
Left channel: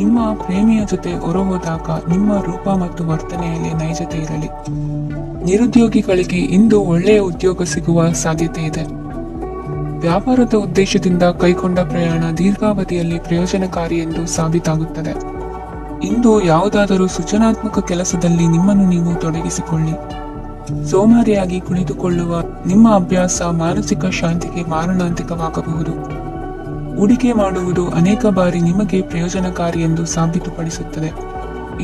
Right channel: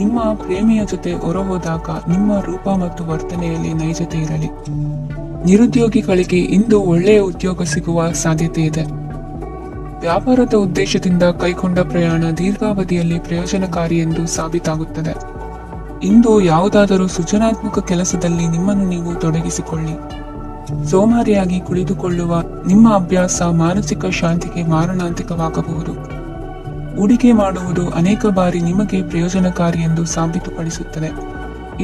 ನಿಮ್ಮ ಪ್ರೇಮಿಯ ಜೊತೆ ಹೊರಹೋದಾಗ ನಿಮ್ಮ ರೂಪ ಮತ್ತು ವರ್ತನೆಯಲ್ಲಿ ನೈಜತೆ ಇರಲಿ. ನಿರುದ್ಯೋಗಿಗಳಿಗೆ ಇಂದು ಒಳ್ಳೆಯ ಉದ್ಯೋಗ ಸಿಗುವ ಸಾಧ್ಯತೆ ಇದೆ. ವ್ಯಾಪಾರದ ಉದ್ದೇಶದಿಂದ ಕೈಗೊಂಡ ಪ್ರಯಾಣ ದೀರ್ಘಾವಧಿಯಲ್ಲಿ ಪ್ರಯೋಜನಕಾರಿ ಎಂದು ಸಾಬೀತಾಗುತ್ತದೆ. ಇಂದು ಯಾವುದಾದರೂ ಸೃಜನಾತ್ಮಕ ಕೆಲಸದಲ್ಲಿ ನಿಮ್ಮನ್ನು ನೀವು ತೊಡಗಿಸಿಕೊಳ್ಳಿ. ಸೋಮಾರಿಯಾಗಿ ಕುಳಿತುಕೊಳ್ಳುವ ನಿಮ್ಮ ಅಭ್ಯಾಸ ಮಾನಸಿಕ ಶಾಂತಿಗೆ ಮಾರಣಾಂತಿಕವಾಗಬಹುದು. ಹೂಡಿಕೆ ಮಾಡುವುದು ಅನೇಕ ಬಾರಿ ನಿಮಗೆ ಪ್ರಯೋಜನಕಾರಿ ಎಂದು ಸಾಬೀತುಪಡಿಸುತ್ತದೆ.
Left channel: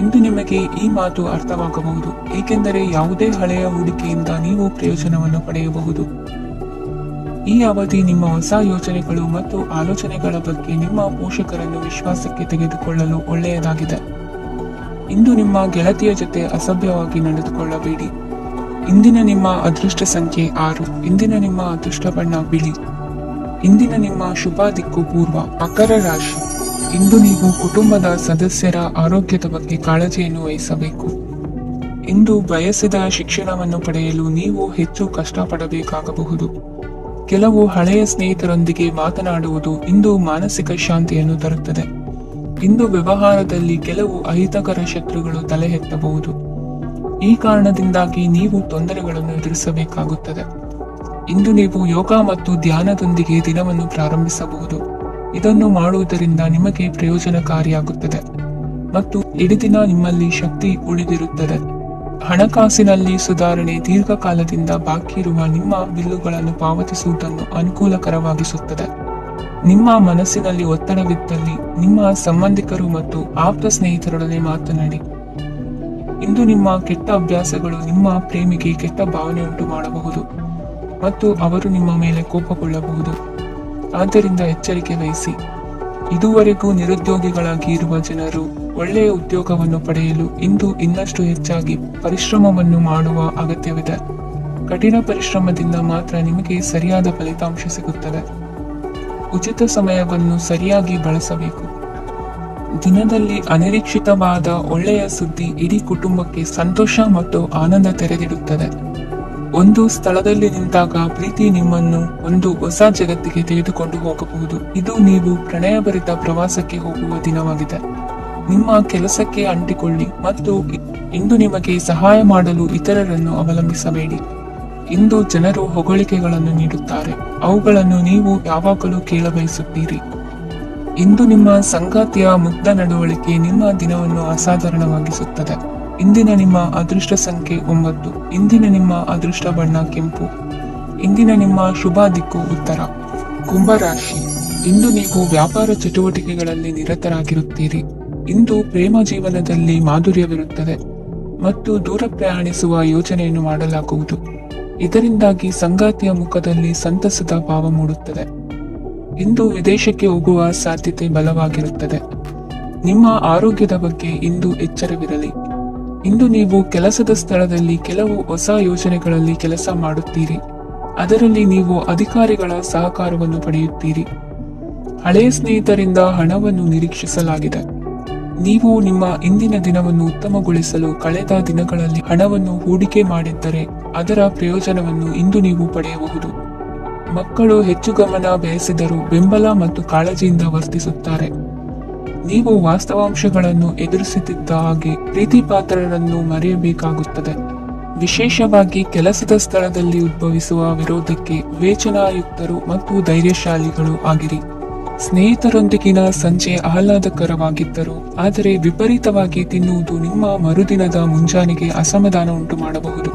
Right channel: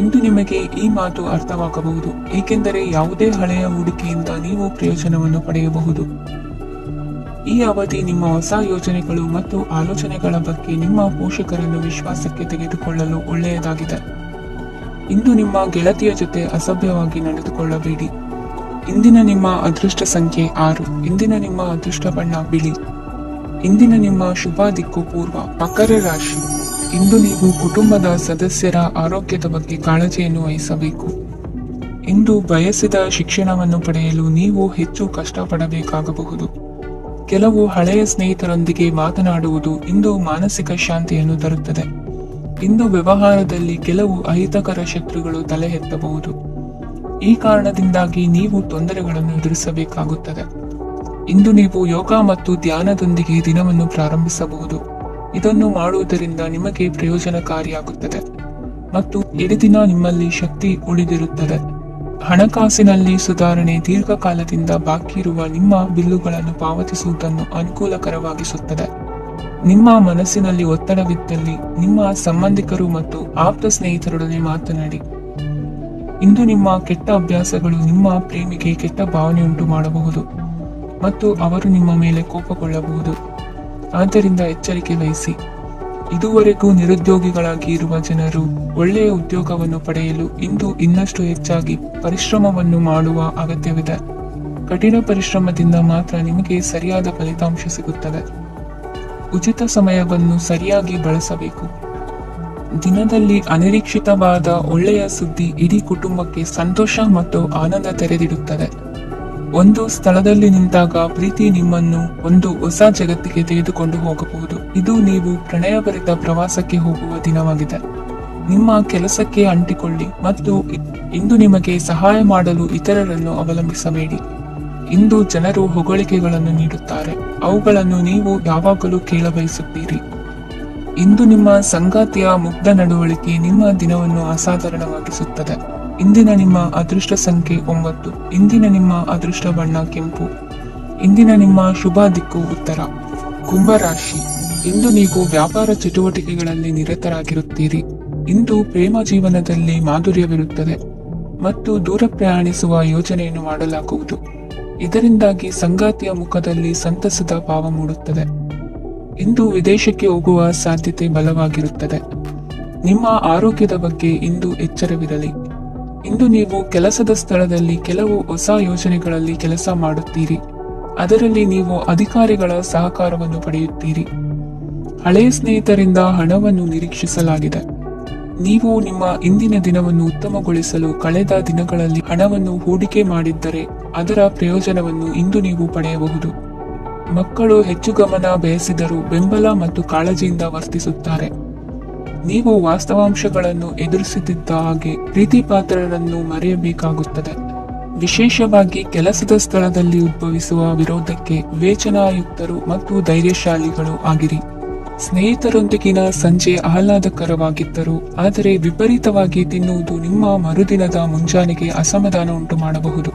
ಇಂದು ನಿಮಗೆ ಈ ಮಾತು ಅರ್ಥವಾಗಬಹುದು, ಏಕೆಂದರೆ ಯಾವುದೇ ಹಳೆಯ ಹೂಡಿಕೆಯಿಂದ ನೀವು ಪ್ರಯೋಜನವನ್ನು ಪಡೆಯಬಹುದು. ಈ ಅವಧಿ ನಿಮ್ಮ ಹೊಸ ಯೋಜನೆಗಳು ಮತ್ತು ಆಲೋಚನೆಗಳ ಬಗ್ಗೆ ನಿಮ್ಮ ಪೋಷಕರನ್ನು ವಿಶ್ವಾಸಕ್ಕೆ ತೆಗೆದುಕೊಳ್ಳಲು ಒಳ್ಳೆಯದಾಗಿದೆ. ಇಂದು ನಿಮ್ಮ ಗೆಳತಿಯ ಜೊತೆ ಅಸಭ್ಯವಾಗಿ ನಡೆದುಕೊಳ್ಳಬೇಡಿ. ಇಂದಿನ ನಿಮ್ಮ ಅದೃಷ್ಟ ಸಂಖ್ಯೆ 6. ಇಂದಿನ ನಿಮ್ಮ ಅದೃಷ್ಟ ಬಣ್ಣ ಬಿಳಿ. ಇಂದಿನ ನಿಮ್ಮ ಶುಭ ದಿಕ್ಕು ಪೂರ್ವ. ಮಕರ ರಾಶಿ, ಇಂದು ನೀವು ಕುಟುಂಬದ ಸದಸ್ಯರ ಆರೋಗ್ಯದ ಬಗ್ಗೆ ಕಾಳಜಿಯನ್ನು ವಹಿಸಬೇಕು. ಇಂದು ಬಯಸಿದ ಶಿಕ್ಷಣವನ್ನು ಪಡೆಯಲು ನೀವು ಹೆಚ್ಚು ಕಷ್ಟಪಡಬೇಕಾಗಬಹುದು. ಕೆಲವು ಹಳೆಯ ಸ್ನೇಹಿತರೊಂದಿಗೆ ಮಾತನಾಡುವುದು ಇಂದು ಮಾನಸಿಕ ಶಾಂತಿಯನ್ನು ತರುತ್ತದೆ. ಇಂದು ವ್ಯವಹಾರದಲ್ಲಿ ಕೆಲವು ಅಹಿತಕರ ಶತ್ರುಗಳು ತಲೆ ಎತ್ತಬಹುದು. ಈ ಕಾರಣದಿಂದಾಗಿ ನೀವು ತೊಂದರೆಗಳನ್ನು ಎದುರಿಸಬೇಕಾಗುತ್ತದೆ. ಇಂದು ನೀವು ಯೋಗ ಮತ್ತು ಧ್ಯಾನದೊಂದಿಗೆ ದಿನವನ್ನು ಪ್ರಾರಂಭಿಸಬಹುದು. ಇದನ್ನು ಮಾಡುವುದರಿಂದ ನಿಮಗೆ ಪ್ರಯೋಜನಕಾರಿಯಾಗುತ್ತದೆ ಮತ್ತು ಇಡೀ ದಿನ ನಿಮ್ಮಲ್ಲಿ ಶಕ್ತಿ ಉಳಿದಿರುತ್ತದೆ. ಹಣಕಾಸಿನಲ್ಲಿ ಸುಧಾರಣೆ ದೀರ್ಘಕಾಲದಿಂದ ಬಾಕಿ ಇರುವ ನಿಮ್ಮ ಬಿಲ್ಲುಗಳನ್ನು ಪಾವತಿಸುವುದನ್ನು ಅನುಕೂಲಕರವಾಗಿಸುತ್ತದೆ. ನಿಮ್ಮ ಮನಸ್ಸಿನಲ್ಲಿ ಒತ್ತಡವಿದ್ದಲ್ಲಿ ನಿಮ್ಮ ಸಂಬಂಧಿಕರು ಮತ್ತು ಆಪ್ತ ಸ್ನೇಹಿತರೊಡನೆ ಮಾತನಾಡಿ. ಇಂದು ನಿಮ್ಮ ಕೆಟ್ಟ ಅಭ್ಯಾಸಗಳು ನಿಮ್ಮ ಪ್ರೇಮಿಗೆ ಕೆಟ್ಟ ಭಾವನೆ ಉಂಟು ಮಾಡಬಹುದು ಮತ್ತು ಅವರು ನಿಮ್ಮ ಮೇಲೆ ಕೋಪಗೊಳ್ಳಬಹುದು. ಆದ್ದರಿಂದ ಎಚ್ಚರಿಕೆ ವಹಿಸಿ. ಇದುವರೆಗೂ ನಿರುದ್ಯೋಗಿಗಳಾಗಿ ಇರುವ ಜನರು ಒಳ್ಳೆಯ ಉದ್ಯೋಗವನ್ನು ಪಡೆಯಲು ಇಂದು ಇನ್ನಷ್ಟು ಹೆಚ್ಚಾಗಿ ಪರಿಶ್ರಮವನ್ನು ಮಾಡುವ ಅಗತ್ಯವಿದೆ. ಕಠಿಣ ಪರಿಶ್ರಮದಿಂದ ಮಾತ್ರ ನಿಮಗೆ ಸರಿಯಾದ ಫಲಿತಾಂಶ ಸಿಗುತ್ತದೆ. ಉಚಿತ ಸಮಯವನ್ನು ಸರಿಯಾಗಿ ಬಳಸಬೇಕು. ದಿನದಲ್ಲಿ ಅನಿರೀಕ್ಷಿತವಾದ ಒಳ್ಳೆಯ ಸುದ್ದಿ ಇಡೀ ಕುಟುಂಬಕ್ಕೆ ಸಂತೋಷ ಮತ್ತು ಆನಂದ ತೆರೆದಿಡುತ್ತದೆ. ಒಂದು ಸ್ಥಳದಲ್ಲಿ ನಿಂತಾಗ ಪ್ರೀತಿ ನಿಮ್ಮನ್ನು ಒಂದು ಹೊಸ ಜಗತ್ತಿಗೆ ತೆಗೆದುಕೊಂಡು ಹೋಗಬಹುದು. ಇದು ನೀವು ಪ್ರಣಯಭರಿತ ಪ್ರವಾಸಕ್ಕೆ ಹೋಗುವ ದಿನವಾಗಿದೆ. ನಿಮ್ಮ ಕೆಲಸಕ್ಕೆ ಅಂಟಿಕೊಳ್ಳಿ ಮತ್ತು ಇಂದು ನಿಮಗೆ ಸಹಾಯ ಮಾಡಲು ಇತರರನ್ನು ಅವಲಂಬಿಸಬೇಡಿ. ಇಂದು ಜನರು ಹೊಗಳಿಕೆಗಳನ್ನು ನೀಡುತ್ತಾರೆ, ಅವುಗಳನ್ನು ನೀವು ಯಾವಾಗಲೂ ಕೇಳಬಯಸುತ್ತೀರಿ. ಇಂದು ನಿಮ್ಮ ಸಂಗಾತಿಯ ಮುಗ್ಧ ನಡವಳಿಕೆ ನಿಮ್ಮ ದಿನವನ್ನು ಅಸಾಧಾರಣವಾಗಿಸುತ್ತದೆ. ಇಂದಿನ ನಿಮ್ಮ ಅದೃಷ್ಟ ಸಂಖ್ಯೆ 9. ಇಂದಿನ ನಿಮ್ಮ ಅದೃಷ್ಟ ಬಣ್ಣ ಕೆಂಪು. ಇಂದಿನ ನಿಮ್ಮ ಶುಭ ದಿಕ್ಕು ಉತ್ತರ. ಕುಂಭರಾಶಿ, ಇಂದು ನೀವು ವ್ಯಾಪಾರ ಚಟುವಟಿಕೆಗಳಲ್ಲಿ ನಿರತರಾಗಿರುತ್ತೀರಿ. ಇಂದು ಪ್ರೇಮ ಜೀವನದಲ್ಲಿ ಮಾಧುರ್ಯವಿರುತ್ತದೆ ಮತ್ತು ದೂರ ಪ್ರಯಾಣಿಸುವ ಯೋಜನೆಯನ್ನು ಮಾಡಲಾಗುವುದು. ಇದರಿಂದಾಗಿ ಸಂಗಾತಿಯ ಮುಖದಲ್ಲಿ ಸಂತಸದ ಭಾವ ಮೂಡುತ್ತದೆ. ಇಂದು ವಿದೇಶಕ್ಕೆ ಹೋಗುವ ಸಾಧ್ಯತೆ ಬಲವಾಗಿರುತ್ತದೆ. ನಿಮ್ಮ ಆರೋಗ್ಯದ ಬಗ್ಗೆ ಇಂದು ಎಚ್ಚರವಿರಲಿ. ಇಂದು ನೀವು ಕೆಲಸದ ಸ್ಥಳದಲ್ಲಿ ಕೆಲವು ಹೊಸ ಯೋಜನೆಗಳಲ್ಲಿ ಕೆಲಸ ಮಾಡುತ್ತೀರಿ. ಅದರಲ್ಲಿ ನೀವು ಅಧಿಕಾರಿಗಳ ಸಹಕಾರವನ್ನು ಪಡೆಯುತ್ತೀರಿ. ಹಳೆಯ ಸ್ನೇಹಿತರಿಂದ ಹಣವನ್ನು ನಿರೀಕ್ಷಿಸಲಾಗಿದೆ. ನೀವು ನಿಮ್ಮ ಇಂದಿನ ದಿನವನ್ನು ಉತ್ತಮಗೊಳಿಸಲು ಕಳೆದ ದಿನಗಳಲ್ಲಿ ಹಣವನ್ನು ಹೂಡಿಕೆ ಮಾಡಿದ್ದರೆ ಅದರ ಪ್ರಯೋಜನವನ್ನು ಇಂದು ನೀವು ಪಡೆಯಬಹುದು. ಮಕ್ಕಳು ಹೆಚ್ಚು ಗಮನ ಬಯಸಿದರೂ ಬೆಂಬಲ ಮತ್ತು ಕಾಳಜಿಯಿಂದ ವರ್ತಿಸುತ್ತಾರೆ. ನೀವು ವಾಸ್ತವಾಂಶಗಳನ್ನು ಎದುರಿಸುತ್ತಿದ್ದ ಹಾಗೆ ಪ್ರೀತಿ ಪಾತ್ರರನ್ನು ಮರೆಯಬೇಕಾಗುತ್ತದೆ. ವಿಶೇಷವಾಗಿ ಕೆಲಸದ ಸ್ಥಳದಲ್ಲಿ ಉದ್ಭವಿಸುವ ವಿರೋಧಕ್ಕೆ ವಿವೇಚನಾಯುಕ್ತರು ಮತ್ತು ಧೈರ್ಯಶಾಲಿಗಳು ಆಗಿರಿ. ಸ್ನೇಹಿತರೊಂದಿಗಿನ ಸಂಜೆ ಆಹ್ಲಾದಕರವಾಗಿದ್ದರು, ಆದರೆ ವಿಪರೀತವಾಗಿ ತಿನ್ನುವುದು ನಿಮ್ಮ ಮರುದಿನದ ಮುಂಜಾನೆಗೆ ಅಸಮಾಧಾನ ಉಂಟು ಮಾಡಬಹುದು.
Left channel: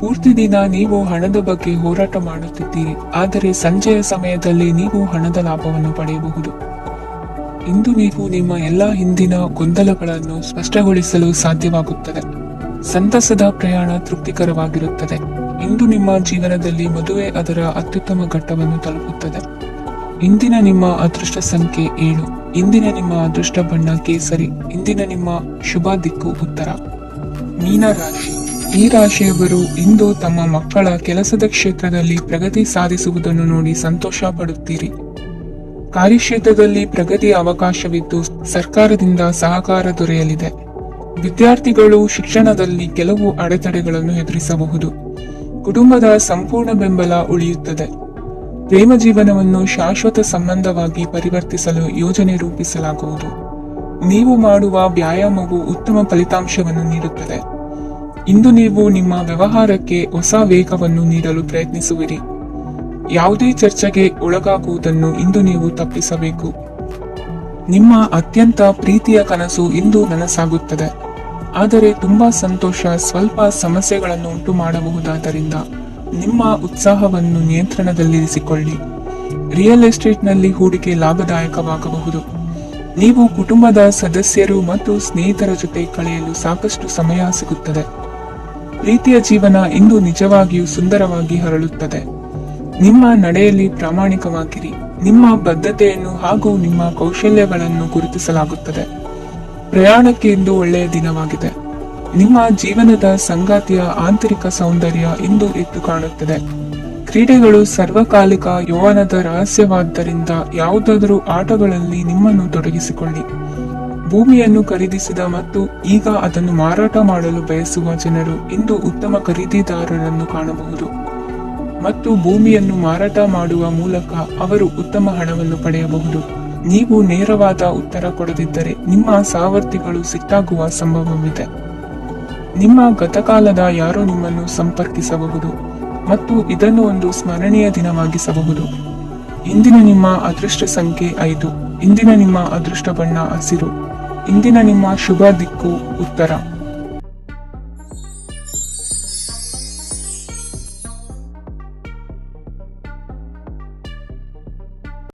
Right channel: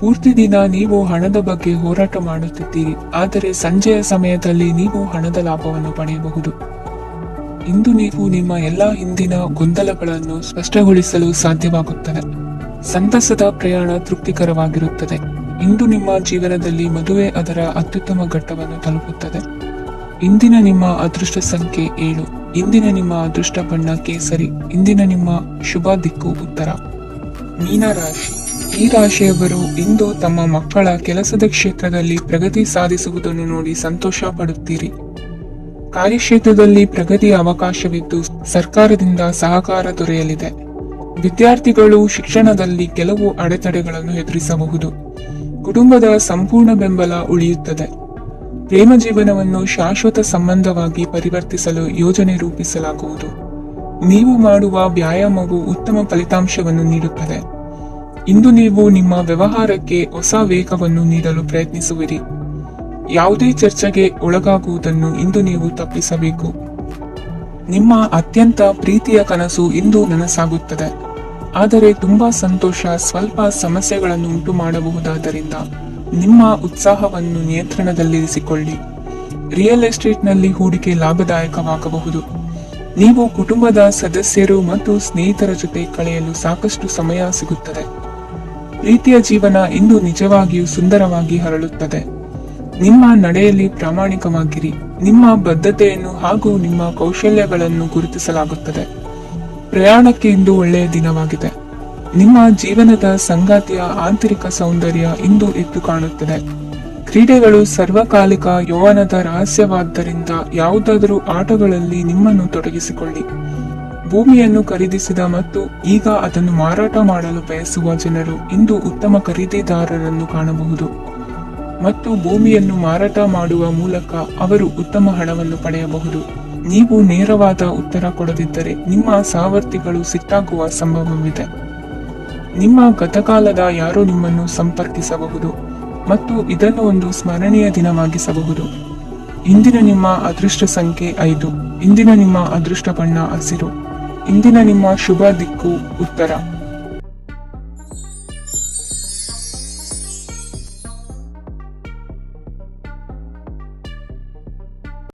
ಪೂರ್ತಿ ದಿನ ನೀವು ಹಣದ ಬಗ್ಗೆ ಹೋರಾಟ ಮಾಡುತ್ತಿದ್ದೀರಿ, ಆದರೆ ಸಂಜೆಯ ಸಮಯದಲ್ಲಿ ನೀವು ಹಣದ ಲಾಭವನ್ನು ಪಡೆಯಬಹುದು. ಇಂದು ನೀವು ನಿಮ್ಮ ಎಲ್ಲಾ ಹಿಂದಿನ ಗೊಂದಲಗಳನ್ನು ಸ್ಪಷ್ಟಗೊಳಿಸಲು ಸಾಧ್ಯವಾಗುತ್ತದೆ. ಸಂತಸದ ಪ್ರಯಾಣ ತೃಪ್ತಿಕರವಾಗಿರುತ್ತದೆ. ಇಂದು ನಿಮ್ಮ ಜೀವನದಲ್ಲಿ ಮದುವೆ ಅದರ ಅತ್ಯುತ್ತಮ ಘಟ್ಟವನ್ನು ತಲುಪುತ್ತದೆ. ಇಂದಿನ ನಿಮ್ಮ ಅದೃಷ್ಟ ಸಂಖ್ಯೆ 7. ಇಂದಿನ ನಿಮ್ಮ ಅದೃಷ್ಟ ಬಣ್ಣ ಕೇಸರಿ. ಇಂದಿನ ನಿಮ್ಮ ಶುಭ ದಿಕ್ಕು ಉತ್ತರ. ಮೀನರಾಶಿ. ಈ ರಾಶಿಯವರು ಇಂದು ತಮ್ಮ ಮಕ್ಕಳ ಕೆಲಸದ ಕ್ಷೇತ್ರದಲ್ಲಿ ಪ್ರಗತಿ ಸಾಧಿಸುವುದನ್ನು ನೋಡಿ ಸಂತೋಷ ಪಡುತ್ತೀರಿ. ಕಾರ್ಯಕ್ಷೇತ್ರದಲ್ಲಿ ಪ್ರಗತಿಯ ಅವಕಾಶವಿದ್ದು ಸರ್ಕಾರದಿಂದ ಸಹಕಾರ ದೊರೆಯಲಿದೆ. ವಿದ್ಯಾರ್ಥಿಗಳು ಶಿಕ್ಷಣದಲ್ಲಿ ಕೆಲವು ಅಡೆತಡೆಗಳನ್ನು ಎದುರಿಸಬಹುದು. ಕುಟುಂಬದ ಸಂಪೂರ್ಣ ಬೆಂಬಲ ಉಳಿಯುತ್ತದೆ. ಪ್ರೇಮ ಜೀವನವನ್ನು ಶಾಶ್ವತ ಸಂಬಂಧವಾಗಿ ಪರಿವರ್ತಿಸಲು ಯೋಜನೆ ರೂಪಿಸಲಾಗುವುದು. ನೀವು ಮಾಡುವ ವ್ಯಾಯಾಮವು ಉತ್ತಮ ಫಲಿತಾಂಶವನ್ನು ನೀಡುತ್ತದೆ. ಇಂದು ನೀವು ನಿಮ್ಮ ವ್ಯವಹಾರಕ್ಕೆ ಹೊಸ ವೇಗವನ್ನು ನೀಡಲು ಪ್ರಯತ್ನಿಸುವಿರಿ. ಯಾವುದೇ ಚರ್ಚೆಗೆ ಒಳಗಾಗುವುದನ್ನು ಇಂದು ನೀವು ತಪ್ಪಿಸಬೇಕು. ನಿಮ್ಮ ಅತ್ಯಂತ ಪ್ರೀತಿಯ ಕನಸು ಇಂದು ನನಸಾಗುತ್ತದೆ. ಆದರೆ ತುಂಬಾ ಸಂತೋಷ ಸ್ವಲ್ಪ ಸಮಸ್ಯೆಗಳನ್ನು ಉಂಟು ಮಾಡಬಹುದಾದ್ದರಿಂದ ನಿಮ್ಮ ಉತ್ಸಾಹವನ್ನು ನಿಯಂತ್ರಣದಲ್ಲಿರಿಸಿಕೊಳ್ಳಿ. ರಿಯಲ್ ಎಸ್ಟೇಟ್ನಲ್ಲಿ ಹೂಡಿಕೆ ಲಾಭದಾಯಕವಾಗಬಹುದು. ನೀವು ಕುಟುಂಬದ ಸದಸ್ಯರು ಮತ್ತು ಸ್ನೇಹಿತರ ಜೊತೆ ಕಳೆಯಲು ಸಾಕಷ್ಟು ಸಮಯ ಸಿಗುತ್ತದೆ. ಪ್ರೀತಿಯ ಜೀವನ ಇಂದು ನಿಜವಾಗಿಯೂ ಸುಂದರವಾಗಿ ಹರಳುತ್ತದೆ. ನಿಮ್ಮ ನಡೆಯಲ್ಲಿ ಪ್ರಾಮಾಣಿಕವಾಗಿರಿ. ನಿಮ್ಮ ಬದ್ಧತೆಯನ್ನು ಹಾಗೂ ನಿಮ್ಮ ಕೌಶಲ್ಯಗಳನ್ನು ಗುರುತಿಸಲಾಗುತ್ತದೆ. ಪ್ರಯಾಣಕ್ಕೆ ಇಂದು ಒಳ್ಳೆಯ ದಿನವಾಗಿದೆ. ನಿಮ್ಮ ಜೀವನದ ಸಂಗಾತಿಯ ಆಂತರಿಕ ಸೌಂದರ್ಯ ಇಂದು ಎದ್ದು ಕಾಣುತ್ತದೆ. ಕ್ರೀಡೆಗಳು ಸರ್ವಕಾಲಿಕ ಯೌವನದ ರಹಸ್ಯವಾದ್ದರಿಂದ ಯಾವುದಾದರೂ ಆಟಗಳಲ್ಲಿ ನಿಮ್ಮನ್ನು ತೊಡಗಿಸಿಕೊಳ್ಳಿ. ಭೂಮಿಯನ್ನು ಖರೀದಿಸಿದ ಮತ್ತು ಈಗ ಅದನ್ನು ಮಾರಾಟ ಮಾಡಲು ಬಯಸುವ ಜನರು ಇಂದು ಉತ್ತಮ ಖರೀದಿದಾರರನ್ನು ಕಾಣಬಹುದು ಮತ್ತು ಭೂಮಿಯನ್ನು ಮಾರಾಟ ಮಾಡುವ ಮೂಲಕ ಅವರು ಉತ್ತಮ ಹಣವನ್ನು ಪಡೆಯಬಹುದು. ನೀವು ನೇರವಾದ ಉತ್ತರ ಕೊಡದಿದ್ದರೆ ನಿಮ್ಮ ಸಹವರ್ತಿಗಳು ಸಿಟ್ಟಾಗುವ ಸಂಭವವಿದೆ. ನಿಮ್ಮ ಗತಕಾಲದ ಯಾರೋ ನಿಮ್ಮನ್ನು ಸಂಪರ್ಕಿಸಬಹುದು ಮತ್ತು ಇದನ್ನು ಒಂದು ಸ್ಮರಣೀಯ ದಿನವಾಗಿಸಬಹುದು. ಇಂದಿನ ನಿಮ್ಮ ಅದೃಷ್ಟ ಸಂಖ್ಯೆ 5. ಇಂದಿನ ನಿಮ್ಮ ಅದೃಷ್ಟ ಬಣ್ಣ ಹಸಿರು. ಇಂದಿನ ನಿಮ್ಮ ಶುಭ ದಿಕ್ಕು ಉತ್ತರ.